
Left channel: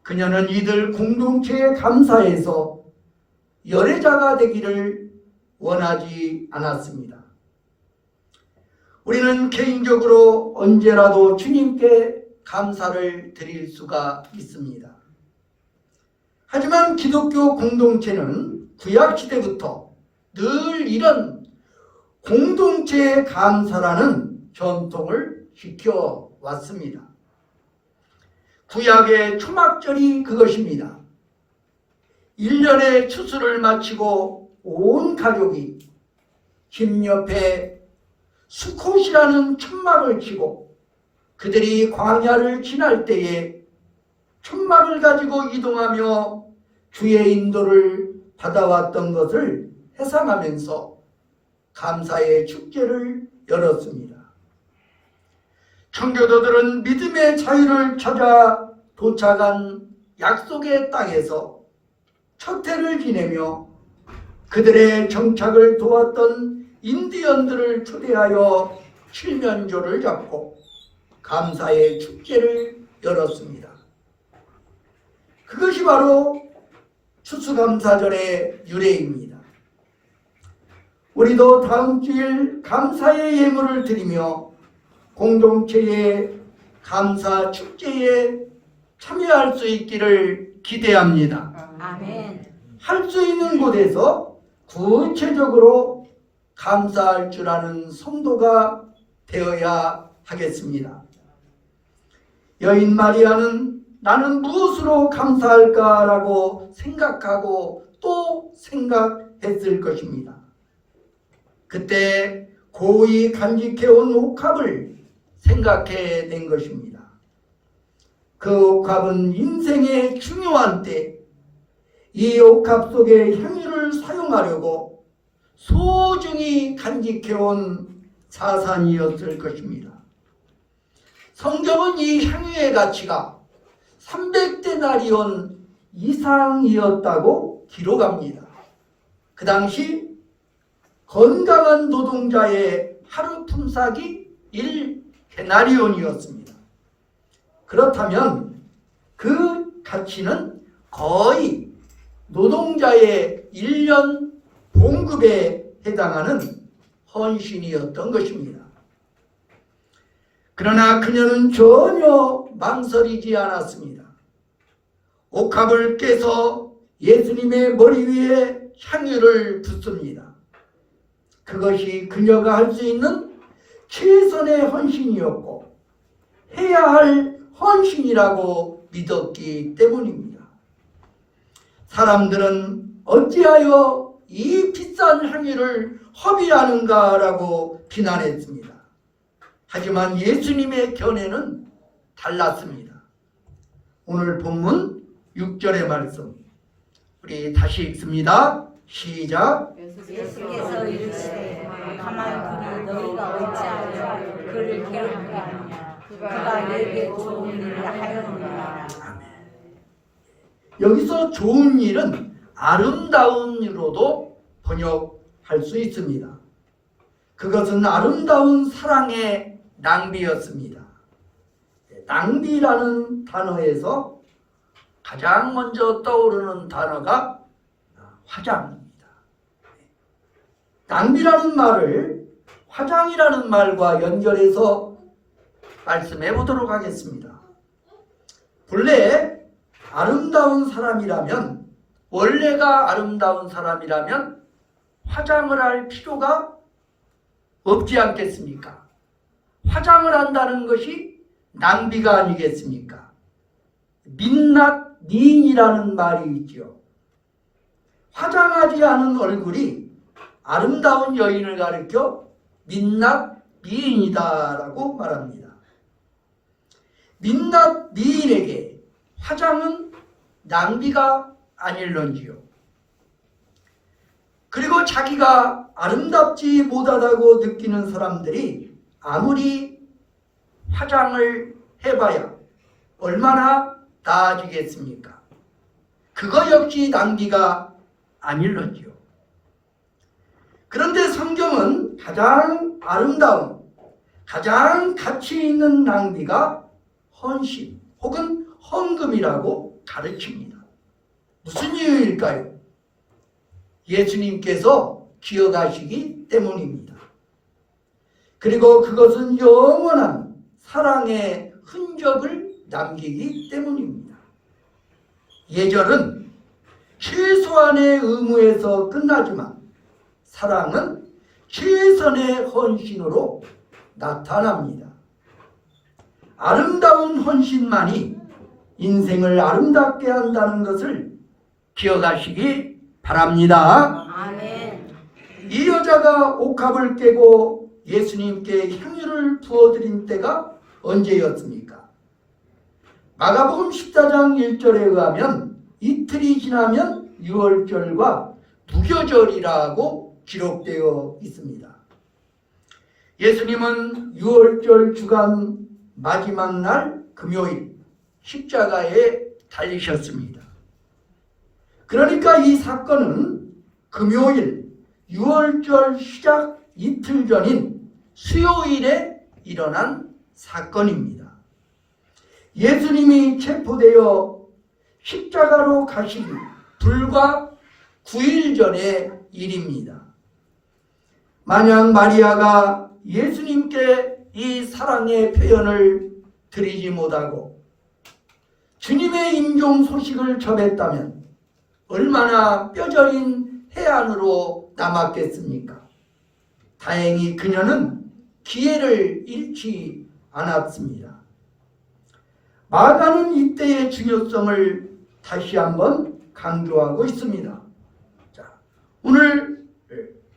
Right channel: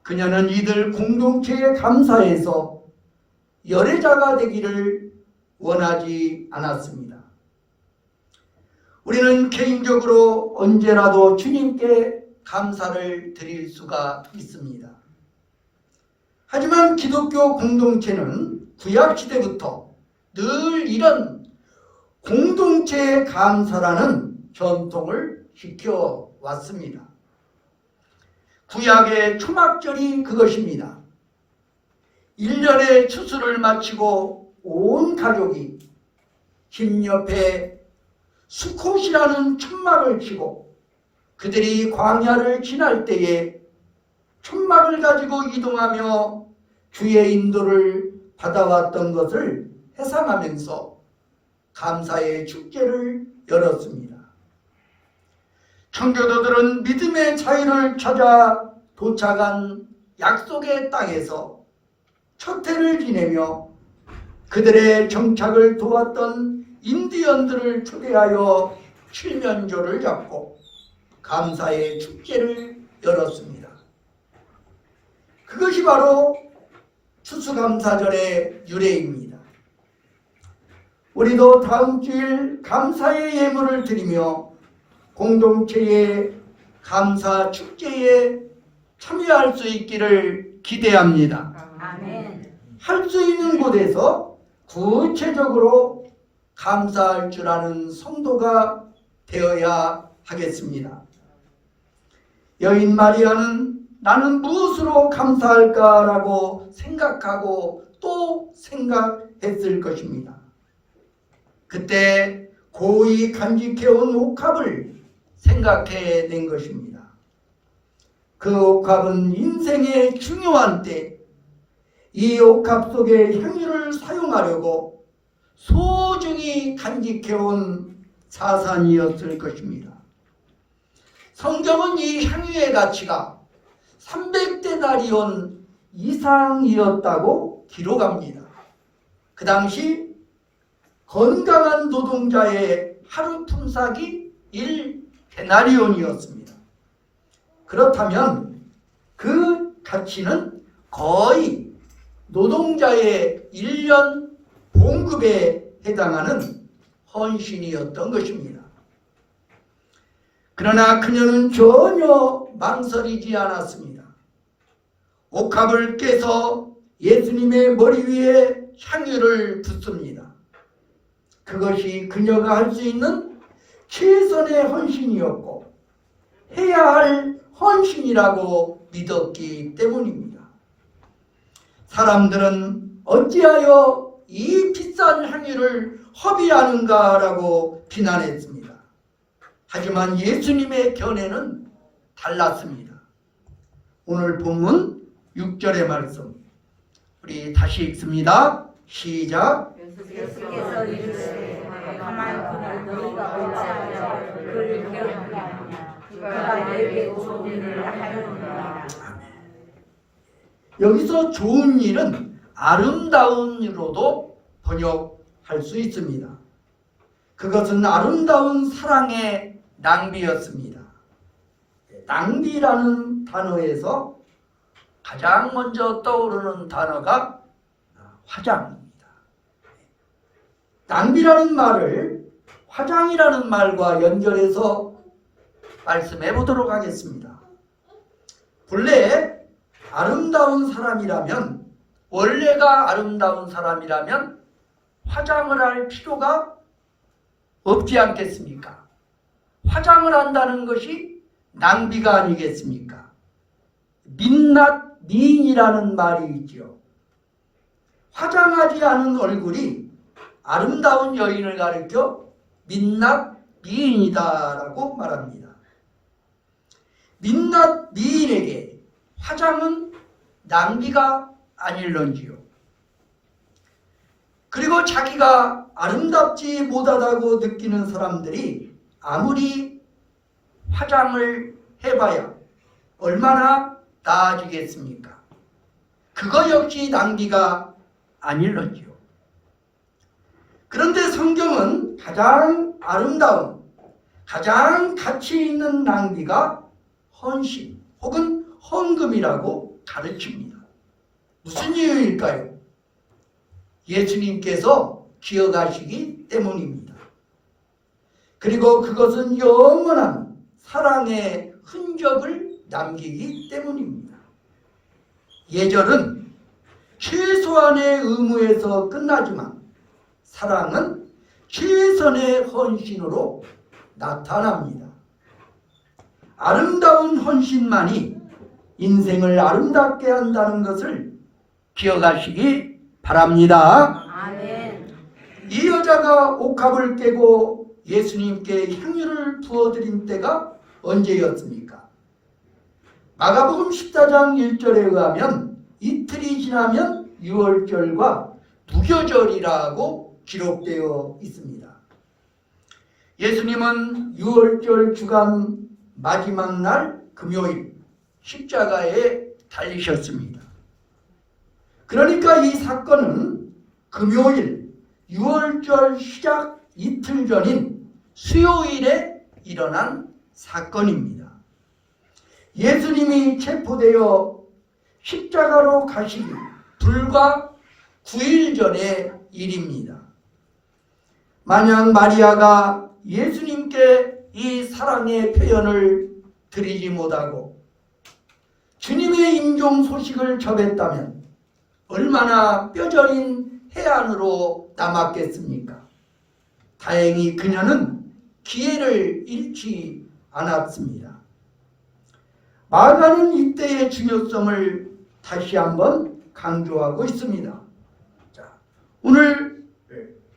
그녀는 이들 공동체에 감사해서 열애자가 되기를 원하지 않았습니다. 우리는 개인적으로 언제라도 주님께 감사를 드릴 수가 있습니다. 하지만 기독교 공동체는 구약시대부터 늘 이런 공동체의 감사라는 전통을 지켜왔습니다. 구약의 초막절이 그것입니다. 1년의 추수를 마치고 온 가족이 집 옆에 수콧이라는 천막을 치고 그들이 광야를 지날 때에 천막을 가지고 이동하며 주의 인도를 받아왔던 것을 회상하면서 감사의 축제를 열었습니다. 청교도들은 믿음의 자유를 찾아 도착한 약속의 땅에서 첫 해를 지내며 그들의 정착을 도왔던 인디언들을 초대하여 칠면조를 잡고 감사의 축제를 열었습니다. 그것이 바로 추수감사절의 유래입니다. 우리도 다음 주일 감사의 예물을 드리며 공동체의 감사 축제에 참여할 수 있기를 기대합니다. 아멘. 할 수 있는 곳에서 구체적으로 감사할 줄 아는 성도가 되어야 하겠습니다. 여인 마리아는 나는 무엇으로 감사할까라고 생각하고 또 생각했을 것입니다. 그때 고이 간직해온 옥합을 생각해낸 것입니다. 그 옥합은 인생의 중요한 때 이 옥합 속에 향유를 사용하려고 소중히 간직해온 자산이었을 것입니다. 성경은 이 향유의 가치가 300데나리온 이상이었다고 기록합니다. 그 당시 건강한 노동자의 하루 품삯이 1데나리온이었습니다. 그렇다면 그 가치는 거의 노동자의 1년 봉급에 해당하는 헌신이었던 것입니다. 그러나 그녀는 전혀 망설이지 않았습니다. 옥합을 깨서 예수님의 머리 위에 향유를 붓습니다. 그것이 그녀가 할 수 있는 최선의 헌신이었고 해야 할 헌신이라고 믿었기 때문입니다. 사람들은 어찌하여 이 비싼 향유를 허비하는가라고 비난했습니다. 하지만 예수님의 견해는 달랐습니다. 오늘 본문 6절의 말씀 우리 다시 읽습니다. 시작. 예수께서 이르시되 가만 그가 너희가 어찌하여 그를 괴롭히느냐 그가 너에게 좋은 일을 하려느니라. 여기서 좋은 일은 아름다운 일로도 번역할 수 있습니다. 그것은 아름다운 사랑의 낭비였습니다. 낭비라는 단어에서 가장 먼저 떠오르는 단어가 화장입니다. 낭비라는 말을 화장이라는 말과 연결해서 말씀해 보도록 하겠습니다. 본래 아름다운 사람이라면, 원래가 아름다운 사람이라면 화장을 할 필요가 없지 않겠습니까? 화장을 한다는 것이 낭비가 아니겠습니까? 민낯 미인이라는 말이 있죠. 화장하지 않은 얼굴이 아름다운 여인을 가리켜 민낯 미인이다라고 말합니다. 민낯 미인에게 화장은 낭비가 아닐런지요. 그리고 자기가 아름답지 못하다고 느끼는 사람들이 아무리 화장을 해봐야 얼마나 나아지겠습니까? 그거 역시 낭비가 아닐런지요. 그런데 성경은 가장 아름다운, 가장 가치 있는 낭비가 헌신 혹은 헌금이라고 가르칩니다. 무슨 이유일까요? 예수님께서 기억하시기 때문입니다. 그리고 그것은 영원한 사랑의 흔적을 남기기 때문입니다. 예절은 최소한의 의무에서 끝나지만 사랑은 최선의 헌신으로 나타납니다. 아름다운 헌신만이 인생을 아름답게 한다는 것을 기억하시기 바랍니다. 아멘. 이 여자가 옥합을 깨고 예수님께 향유를 부어드린 때가 언제였습니까? 마가복음 14장 1절에 의하면 이틀이 지나면 유월절과 무교절이라고 기록되어 있습니다. 예수님은 유월절 주간 마지막 날 금요일 십자가에 달리셨습니다. 그러니까 이 사건은 금요일 유월절 시작 이틀 전인 수요일에 일어난 사건입니다. 예수님이 체포되어 십자가로 가시기 불과 9일 전의 일입니다. 만약 마리아가 예수님께 이 사랑의 표현을 드리지 못하고 주님의 임종 소식을 접했다면 얼마나 뼈저린 해안으로 남았겠습니까? 다행히 그녀는 기회를 잃지 않았습니다. 마가는 이때의 중요성을 다시 한번 강조하고 있습니다. 자, 오늘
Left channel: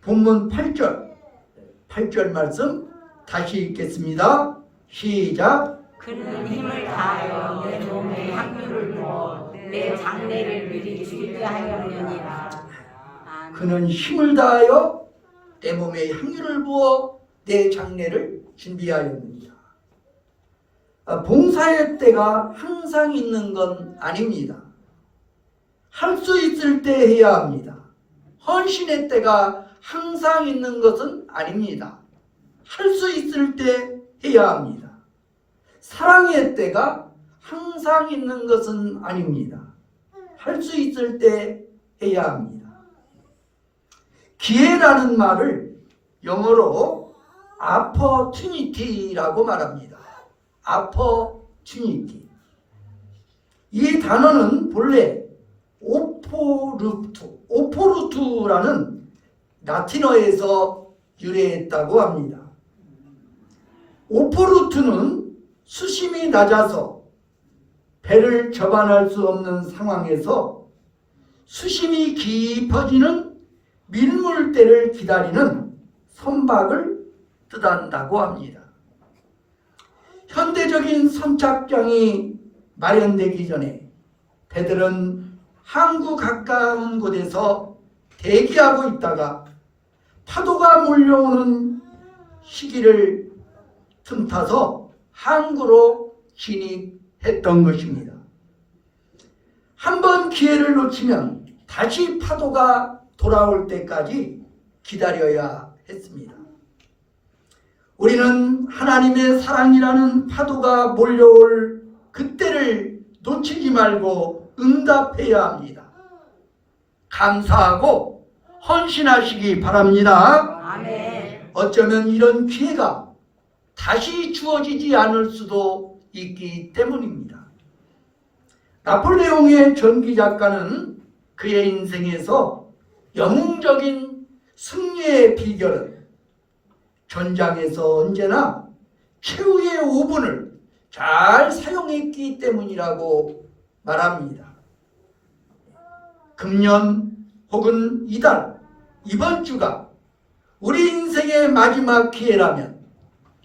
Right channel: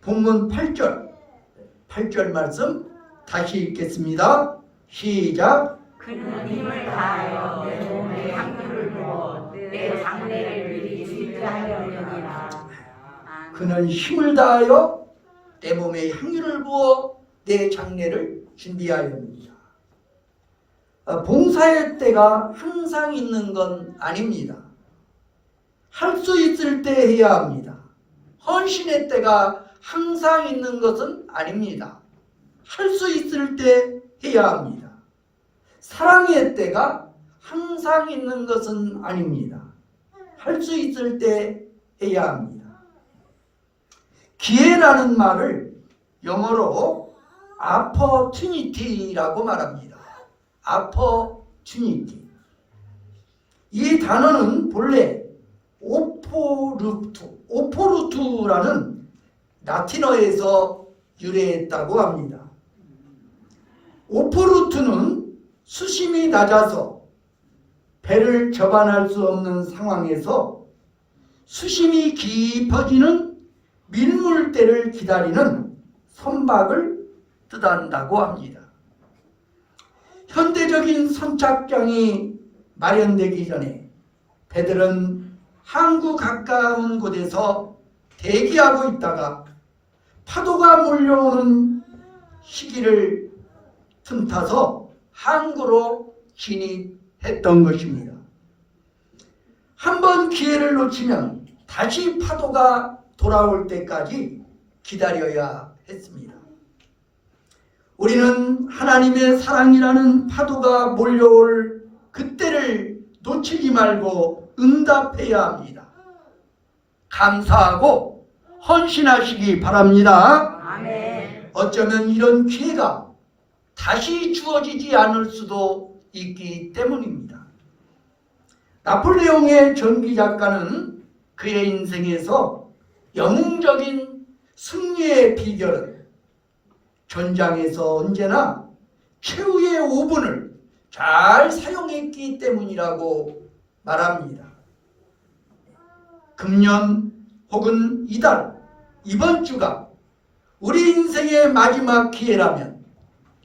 본문 8절 말씀 다시 읽겠습니다. 시작. 그는 힘을 다하여 내 몸에 향유를 부어 내 장례를 미리 준비하려느니라. 그는 힘을 다하여 내 몸에 향유를 부어 내 장례를 준비하였습니다. 봉사의 때가 항상 있는 건 아닙니다. 할 수 있을 때 해야 합니다. 헌신의 때가 항상 있는 것은 아닙니다. 할 수 있을 때 해야 합니다. 사랑의 때가 항상 있는 것은 아닙니다. 할 수 있을 때 해야 합니다. 기회라는 말을 영어로 opportunity라고 말합니다. opportunity. 이 단어는 본래 오포루트라는 라틴어에서 유래했다고 합니다. 오포루트는 수심이 낮아서 배를 접안할 수 없는 상황에서 수심이 깊어지는 밀물대를 기다리는 선박을 뜻한다고 합니다. 현대적인 선착장이 마련되기 전에 배들은 항구 가까운 곳에서 대기하고 있다가 파도가 몰려오는 시기를 틈타서 항구로 진입했던 것입니다. 한번 기회를 놓치면 다시 파도가 돌아올 때까지 기다려야 했습니다. 우리는 하나님의 사랑이라는 파도가 몰려올 그때를 놓치지 말고 응답해야 합니다. 감사하고 헌신하시기 바랍니다. 아멘. 어쩌면 이런 기회가 다시 주어지지 않을 수도 있기 때문입니다. 나폴레옹의 전기 작가는 그의 인생에서 영웅적인 승리의 비결은 전장에서 언제나 최후의 5분을 잘 사용했기 때문이라고 말합니다. 금년 혹은 이달, 이번 주가 우리 인생의 마지막 기회라면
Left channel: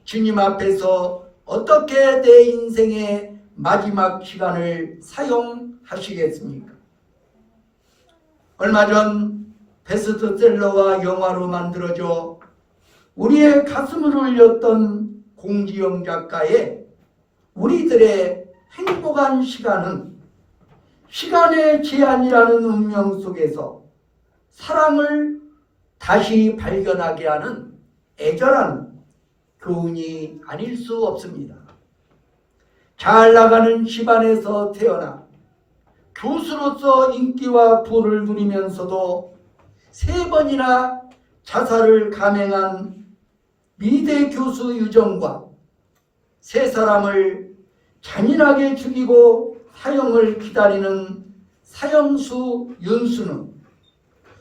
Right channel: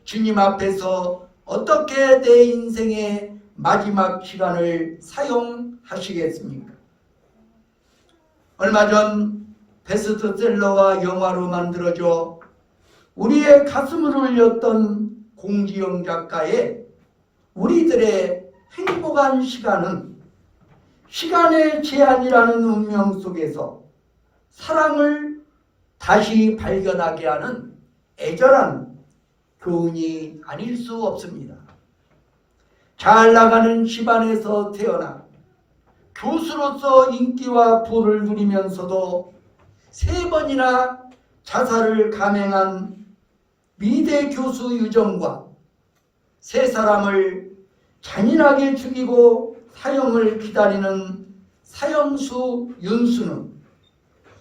주님 앞에서 어떻게 내 인생의 마지막 시간을 사용하시겠습니까? 얼마 전 베스트셀러와 영화로 만들어져 우리의 가슴을 울렸던 공지영 작가의 우리들의 행복한 시간은 시간의 제한이라는 운명 속에서 사랑을 다시 발견하게 하는 애절한 교훈이 아닐 수 없습니다. 잘 나가는 집안에서 태어나 교수로서 인기와 부를 누리면서도 3번이나 자살을 감행한 미대 교수 유정과 3사람을 잔인하게 죽이고 사형을 기다리는 사형수 윤수는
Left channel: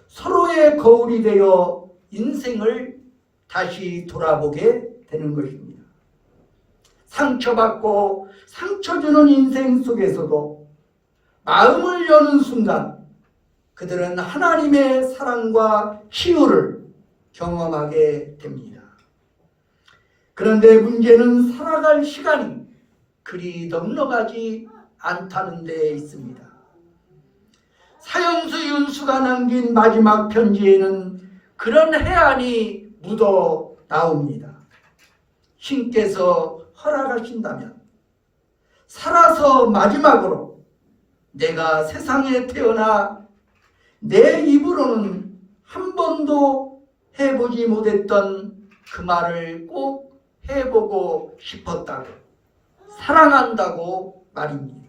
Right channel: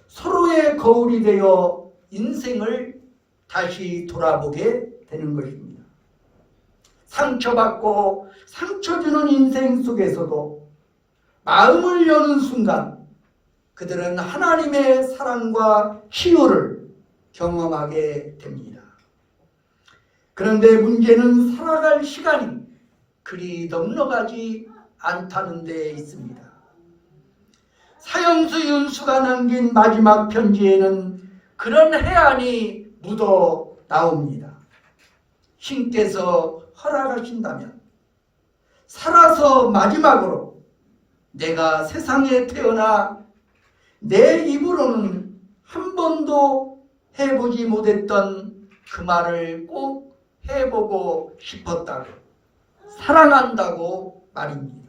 서로의 거울이 되어 인생을 다시 돌아보게 되는 것입니다. 상처받고 상처 주는 인생 속에서도 마음을 여는 순간 그들은 하나님의 사랑과 치유를 경험하게 됩니다. 그런데 문제는 살아갈 시간이 그리 넉넉하지 않다는 데 있습니다. 사형수 윤수가 남긴 마지막 편지에는 그런 해안이 묻어 나옵니다. 신께서 허락하신다면 살아서 마지막으로 내가 세상에 태어나 내 입으로는 한 번도 해보지 못했던 그 말을 꼭 해보고 싶었다고, 사랑한다고 말입니다.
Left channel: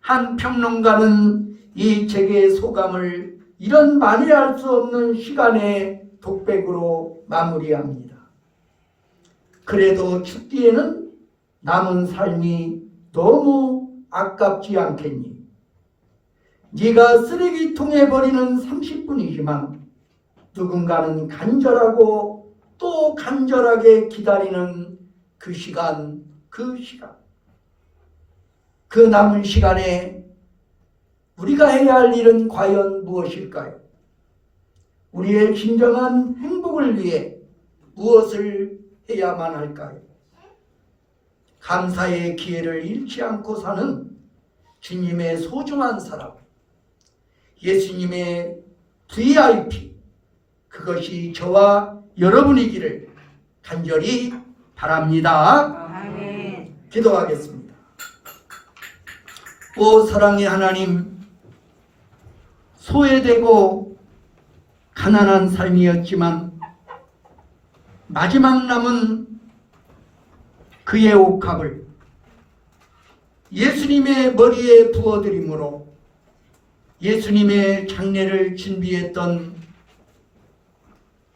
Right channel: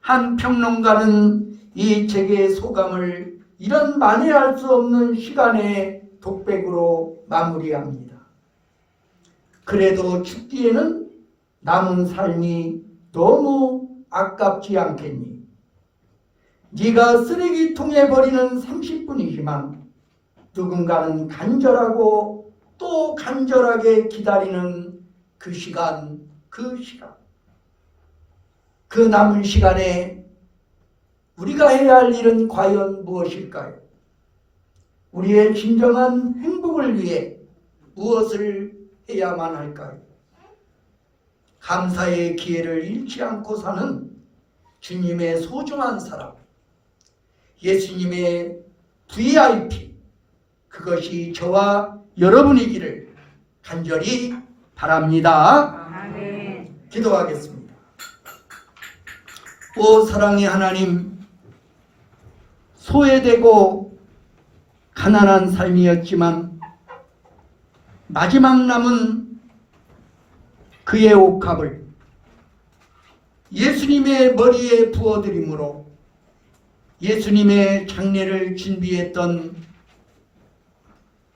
한 평론가는 이 책의 소감을 이런 만회할 수 없는 시간의 독백으로 마무리합니다. 그래도 죽기에는 남은 삶이 너무 아깝지 않겠니? 네가 쓰레기통에 버리는 30분이지만 누군가는 간절하고 또 간절하게 기다리는 그 시간, 그 남은 시간에 우리가 해야 할 일은 과연 무엇일까요? 우리의 진정한 행복을 위해 무엇을 해야만 할까요? 감사의 기회를 잃지 않고 사는 주님의 소중한 사람, 예수님의 VIP, 그것이 저와 여러분이기를 간절히 바랍니다. 아멘. 기도하겠습니다. 오 사랑의 하나님, 소외되고 가난한 삶이었지만 마지막 남은 그의 옥합을 예수님의 머리에 부어드림으로 예수님의 장례를 준비했던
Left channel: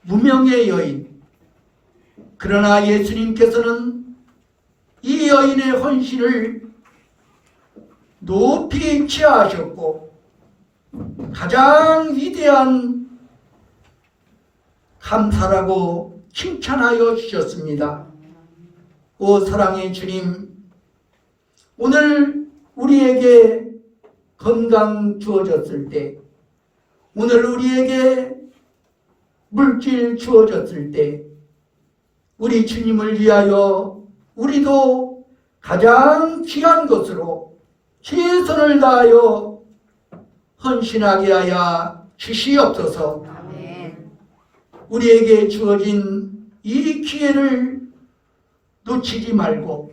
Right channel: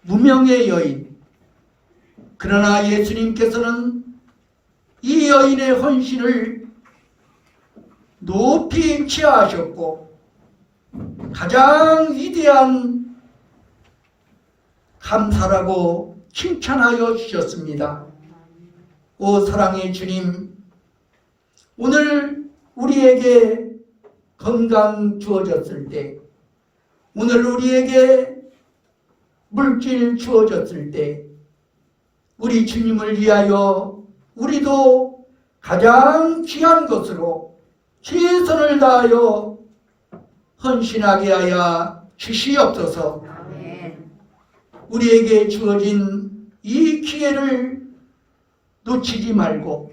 무명의 여인. 그러나 예수님께서는 이 여인의 헌신을 높이 취하하셨고 가장 위대한 감사라고 칭찬하여 주셨습니다. 오 사랑의 주님, 오늘 우리에게 건강 주어졌을 때, 오늘 우리에게 물질 주어졌을 때, 우리 주님을 위하여 우리도 가장 귀한 것으로 최선을 다하여 헌신하게 하여 주시옵소서. 우리에게 주어진 이 기회를 놓치지 말고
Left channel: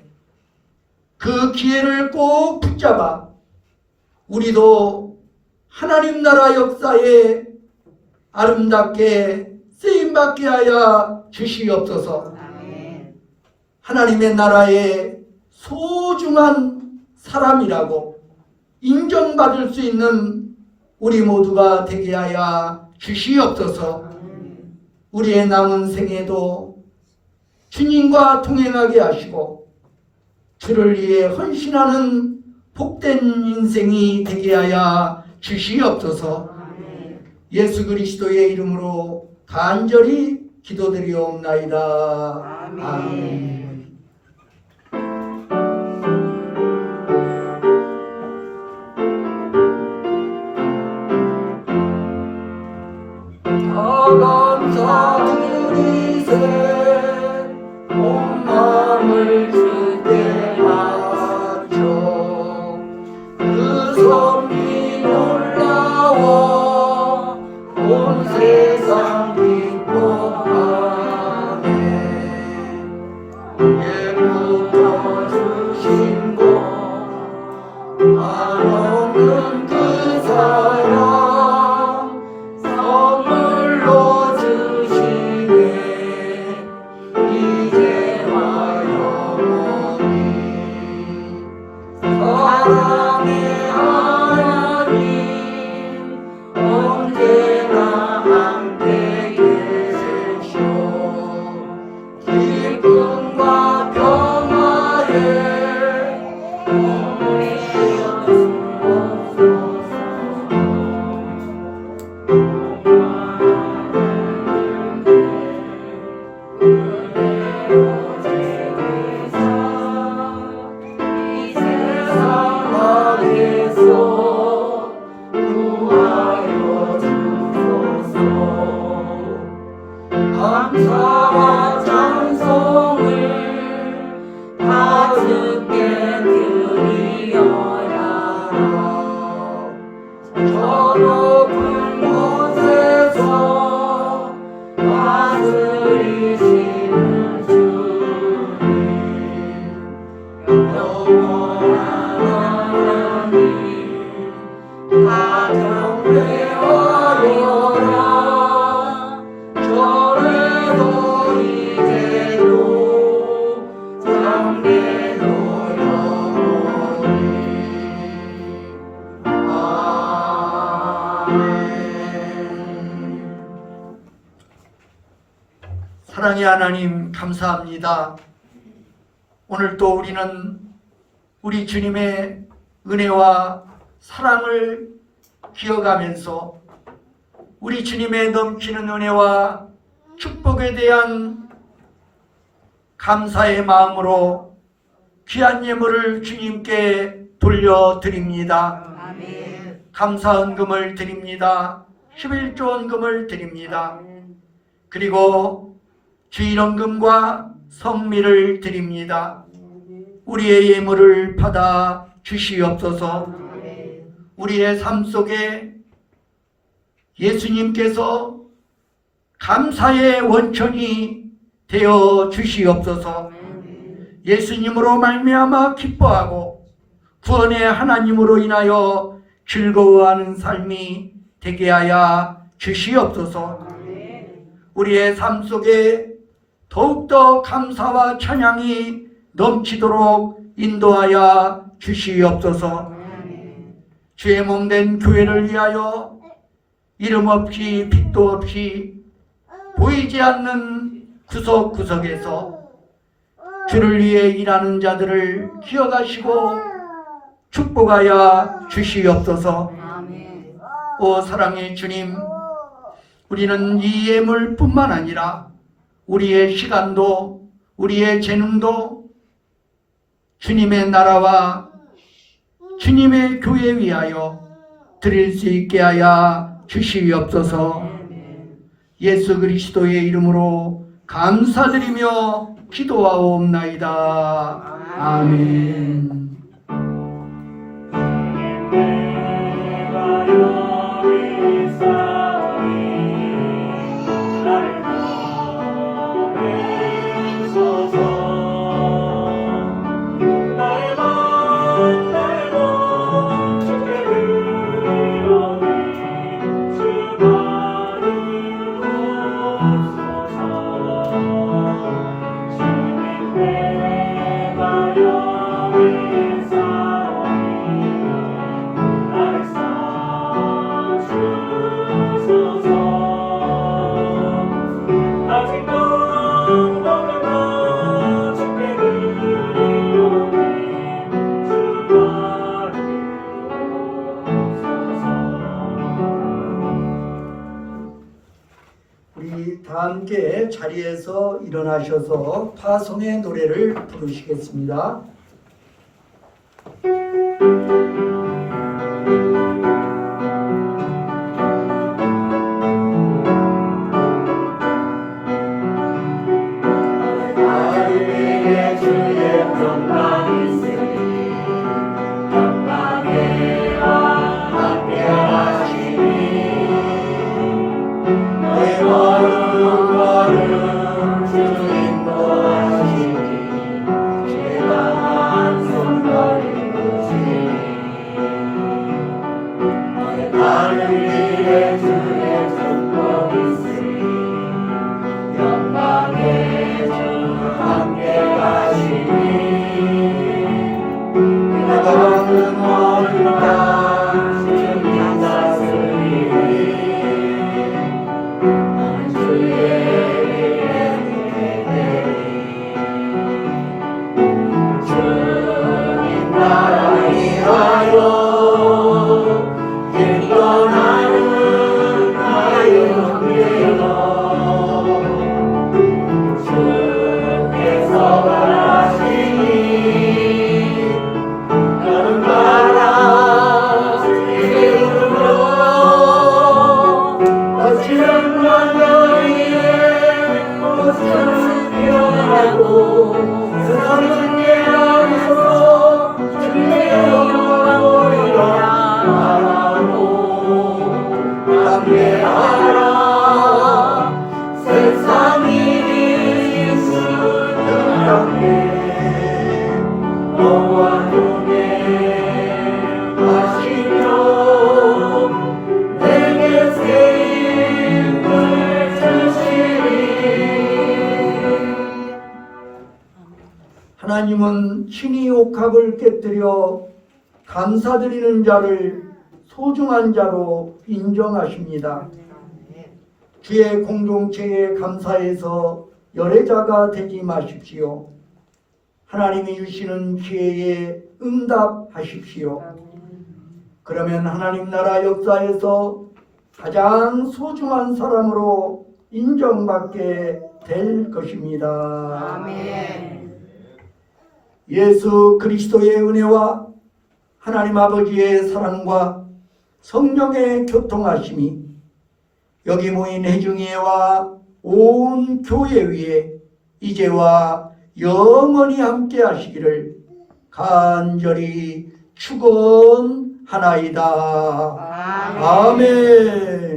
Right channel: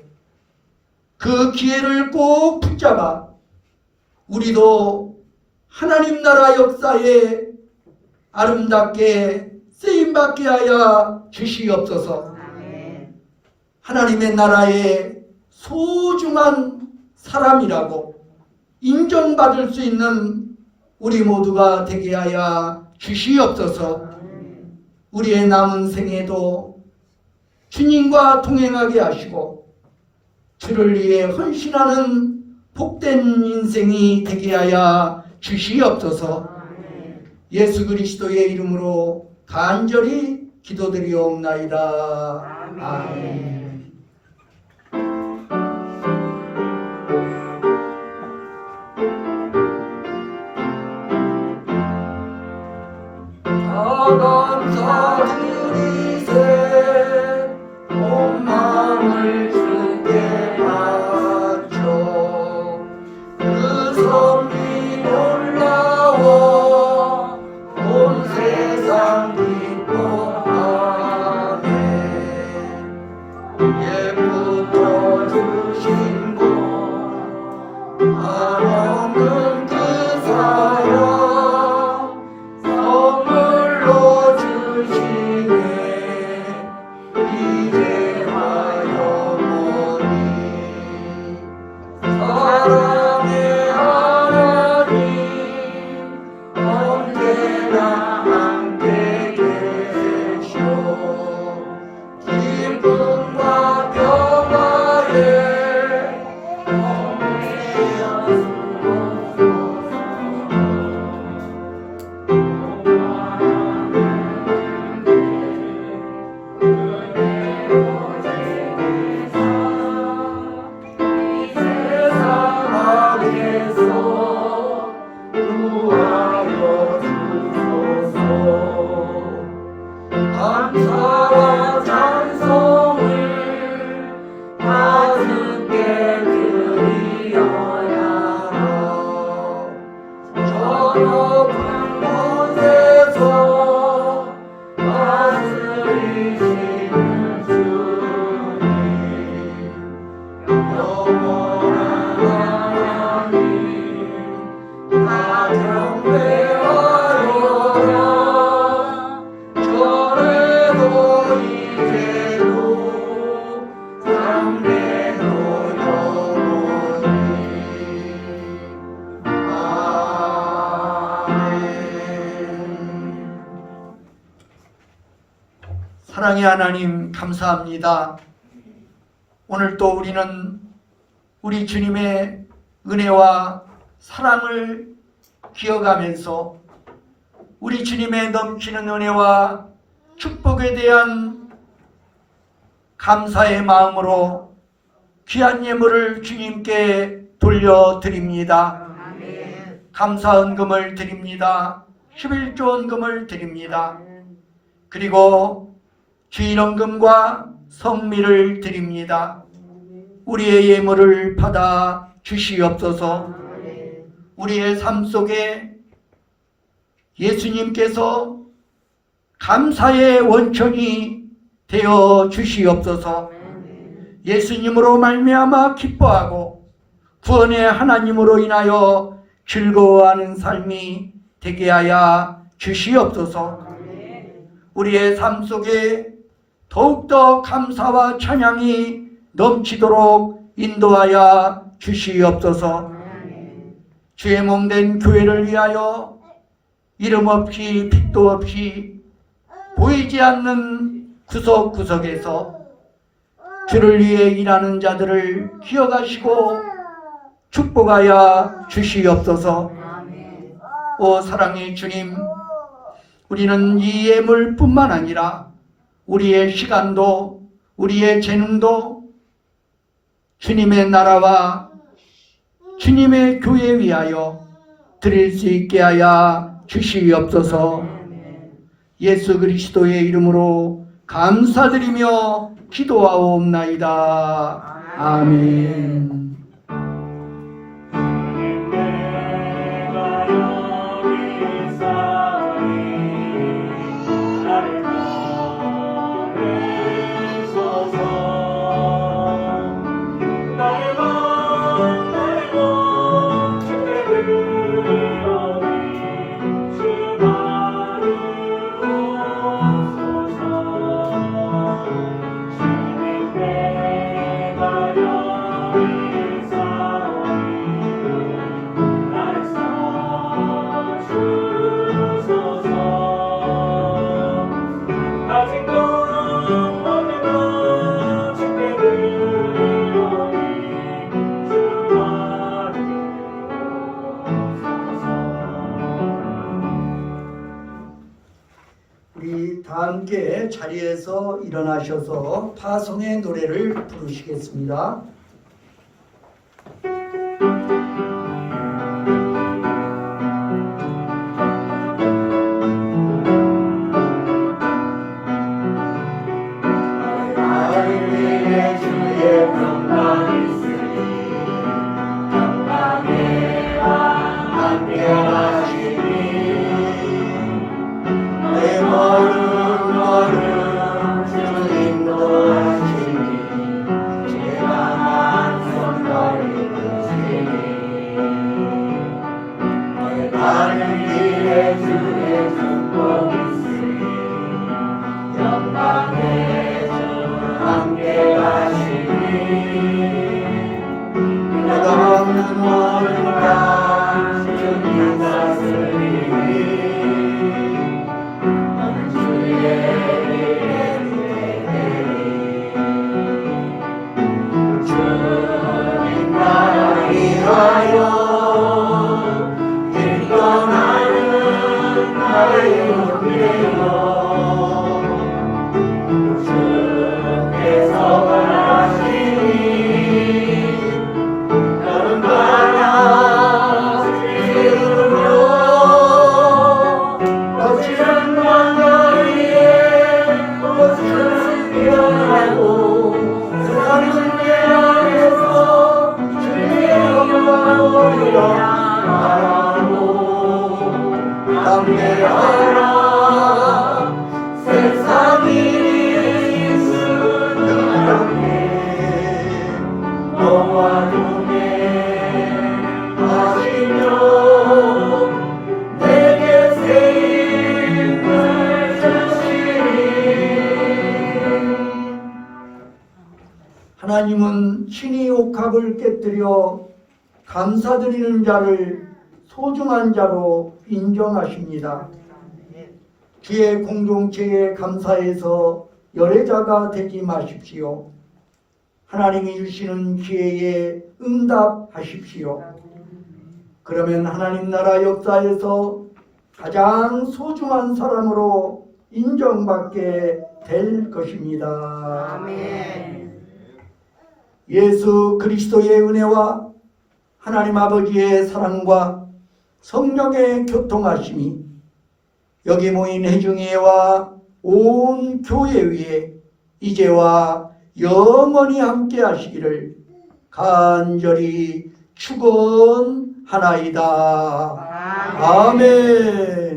그 기회를 꼭 붙잡아 우리도 하나님 나라 역사에 아름답게 쓰임받게 하여 주시옵소서. 하나님의 나라의 소중한 사람이라고 인정받을 수 있는 우리 모두가 되게 하여 주시옵소서. 우리의 남은 생에도 주님과 동행하게 하시고 주를 위해 헌신하는 복된 인생이 되게 하여 주시옵소서. 예수 그리스도의 이름으로 간절히 기도드리옵나이다. 아멘. 사랑의 하나님 감사합니다. 오늘 또 우리는 우리 주님의 은혜와 사랑을 기억하면서 우리 주님의 넘치는 은혜와 축복에 대한 감사의 마음으로 귀한 예물을 주님께 돌려드립니다. 감사 헌금을 드립니다. 11조 헌금을 드립니다. 그리고 주일헌금과 성미를 드립니다. 우리의 예물을 받아 주시옵소서. 우리의 삶 속에 예수님께서 감사의 원천이 되어 주시옵소서. 예수님으로 말미암아 기뻐하고 구원의 하나님으로 인하여 즐거워하는 삶이 되게 하여 주시옵소서. 우리의 삶 속에 더욱더 감사와 찬양이 넘치도록 인도하여 주시옵소서. 주의 몸된 교회를 위하여 이름 없이 빛도 없이 보이지 않는 구석구석에서 주를 위해 일하는 자들을 기억하시고 축복하여 주시옵소서. 아멘. 오 사랑의 주님, 우리는 이 예물뿐만 아니라 우리의 시간도 우리의 재능도 주님의 나라와 주님의 교회 위하여 드릴 수 있게 하여 주시옵소서. 예수 그리스도의 이름으로 감사드리며 기도하옵나이다. 아멘. 우리 다 함께 자리에서 일어나셔서 파송의 노래를 부르시겠습니다. 하나님은 신이 옥합을 깨뜨려 감사드리는 자를 소중한 자로 인정하십니다. 주의 공동체에 감사해서 열애자가 되지 마십시오. 하나님이 주시는 기회에 응답하십시오. 그러면 하나님 나라 역사에서 가장 소중한 사람으로 인정받게 될 것입니다. 아멘. 예수 그리스도의 은혜와 하나님 아버지의 사랑과 성령의 교통하심이 여기 모인 회중회와 온 교회 위에 이제와 영원히 함께 하시기를 간절히 축원하나이다. 아멘.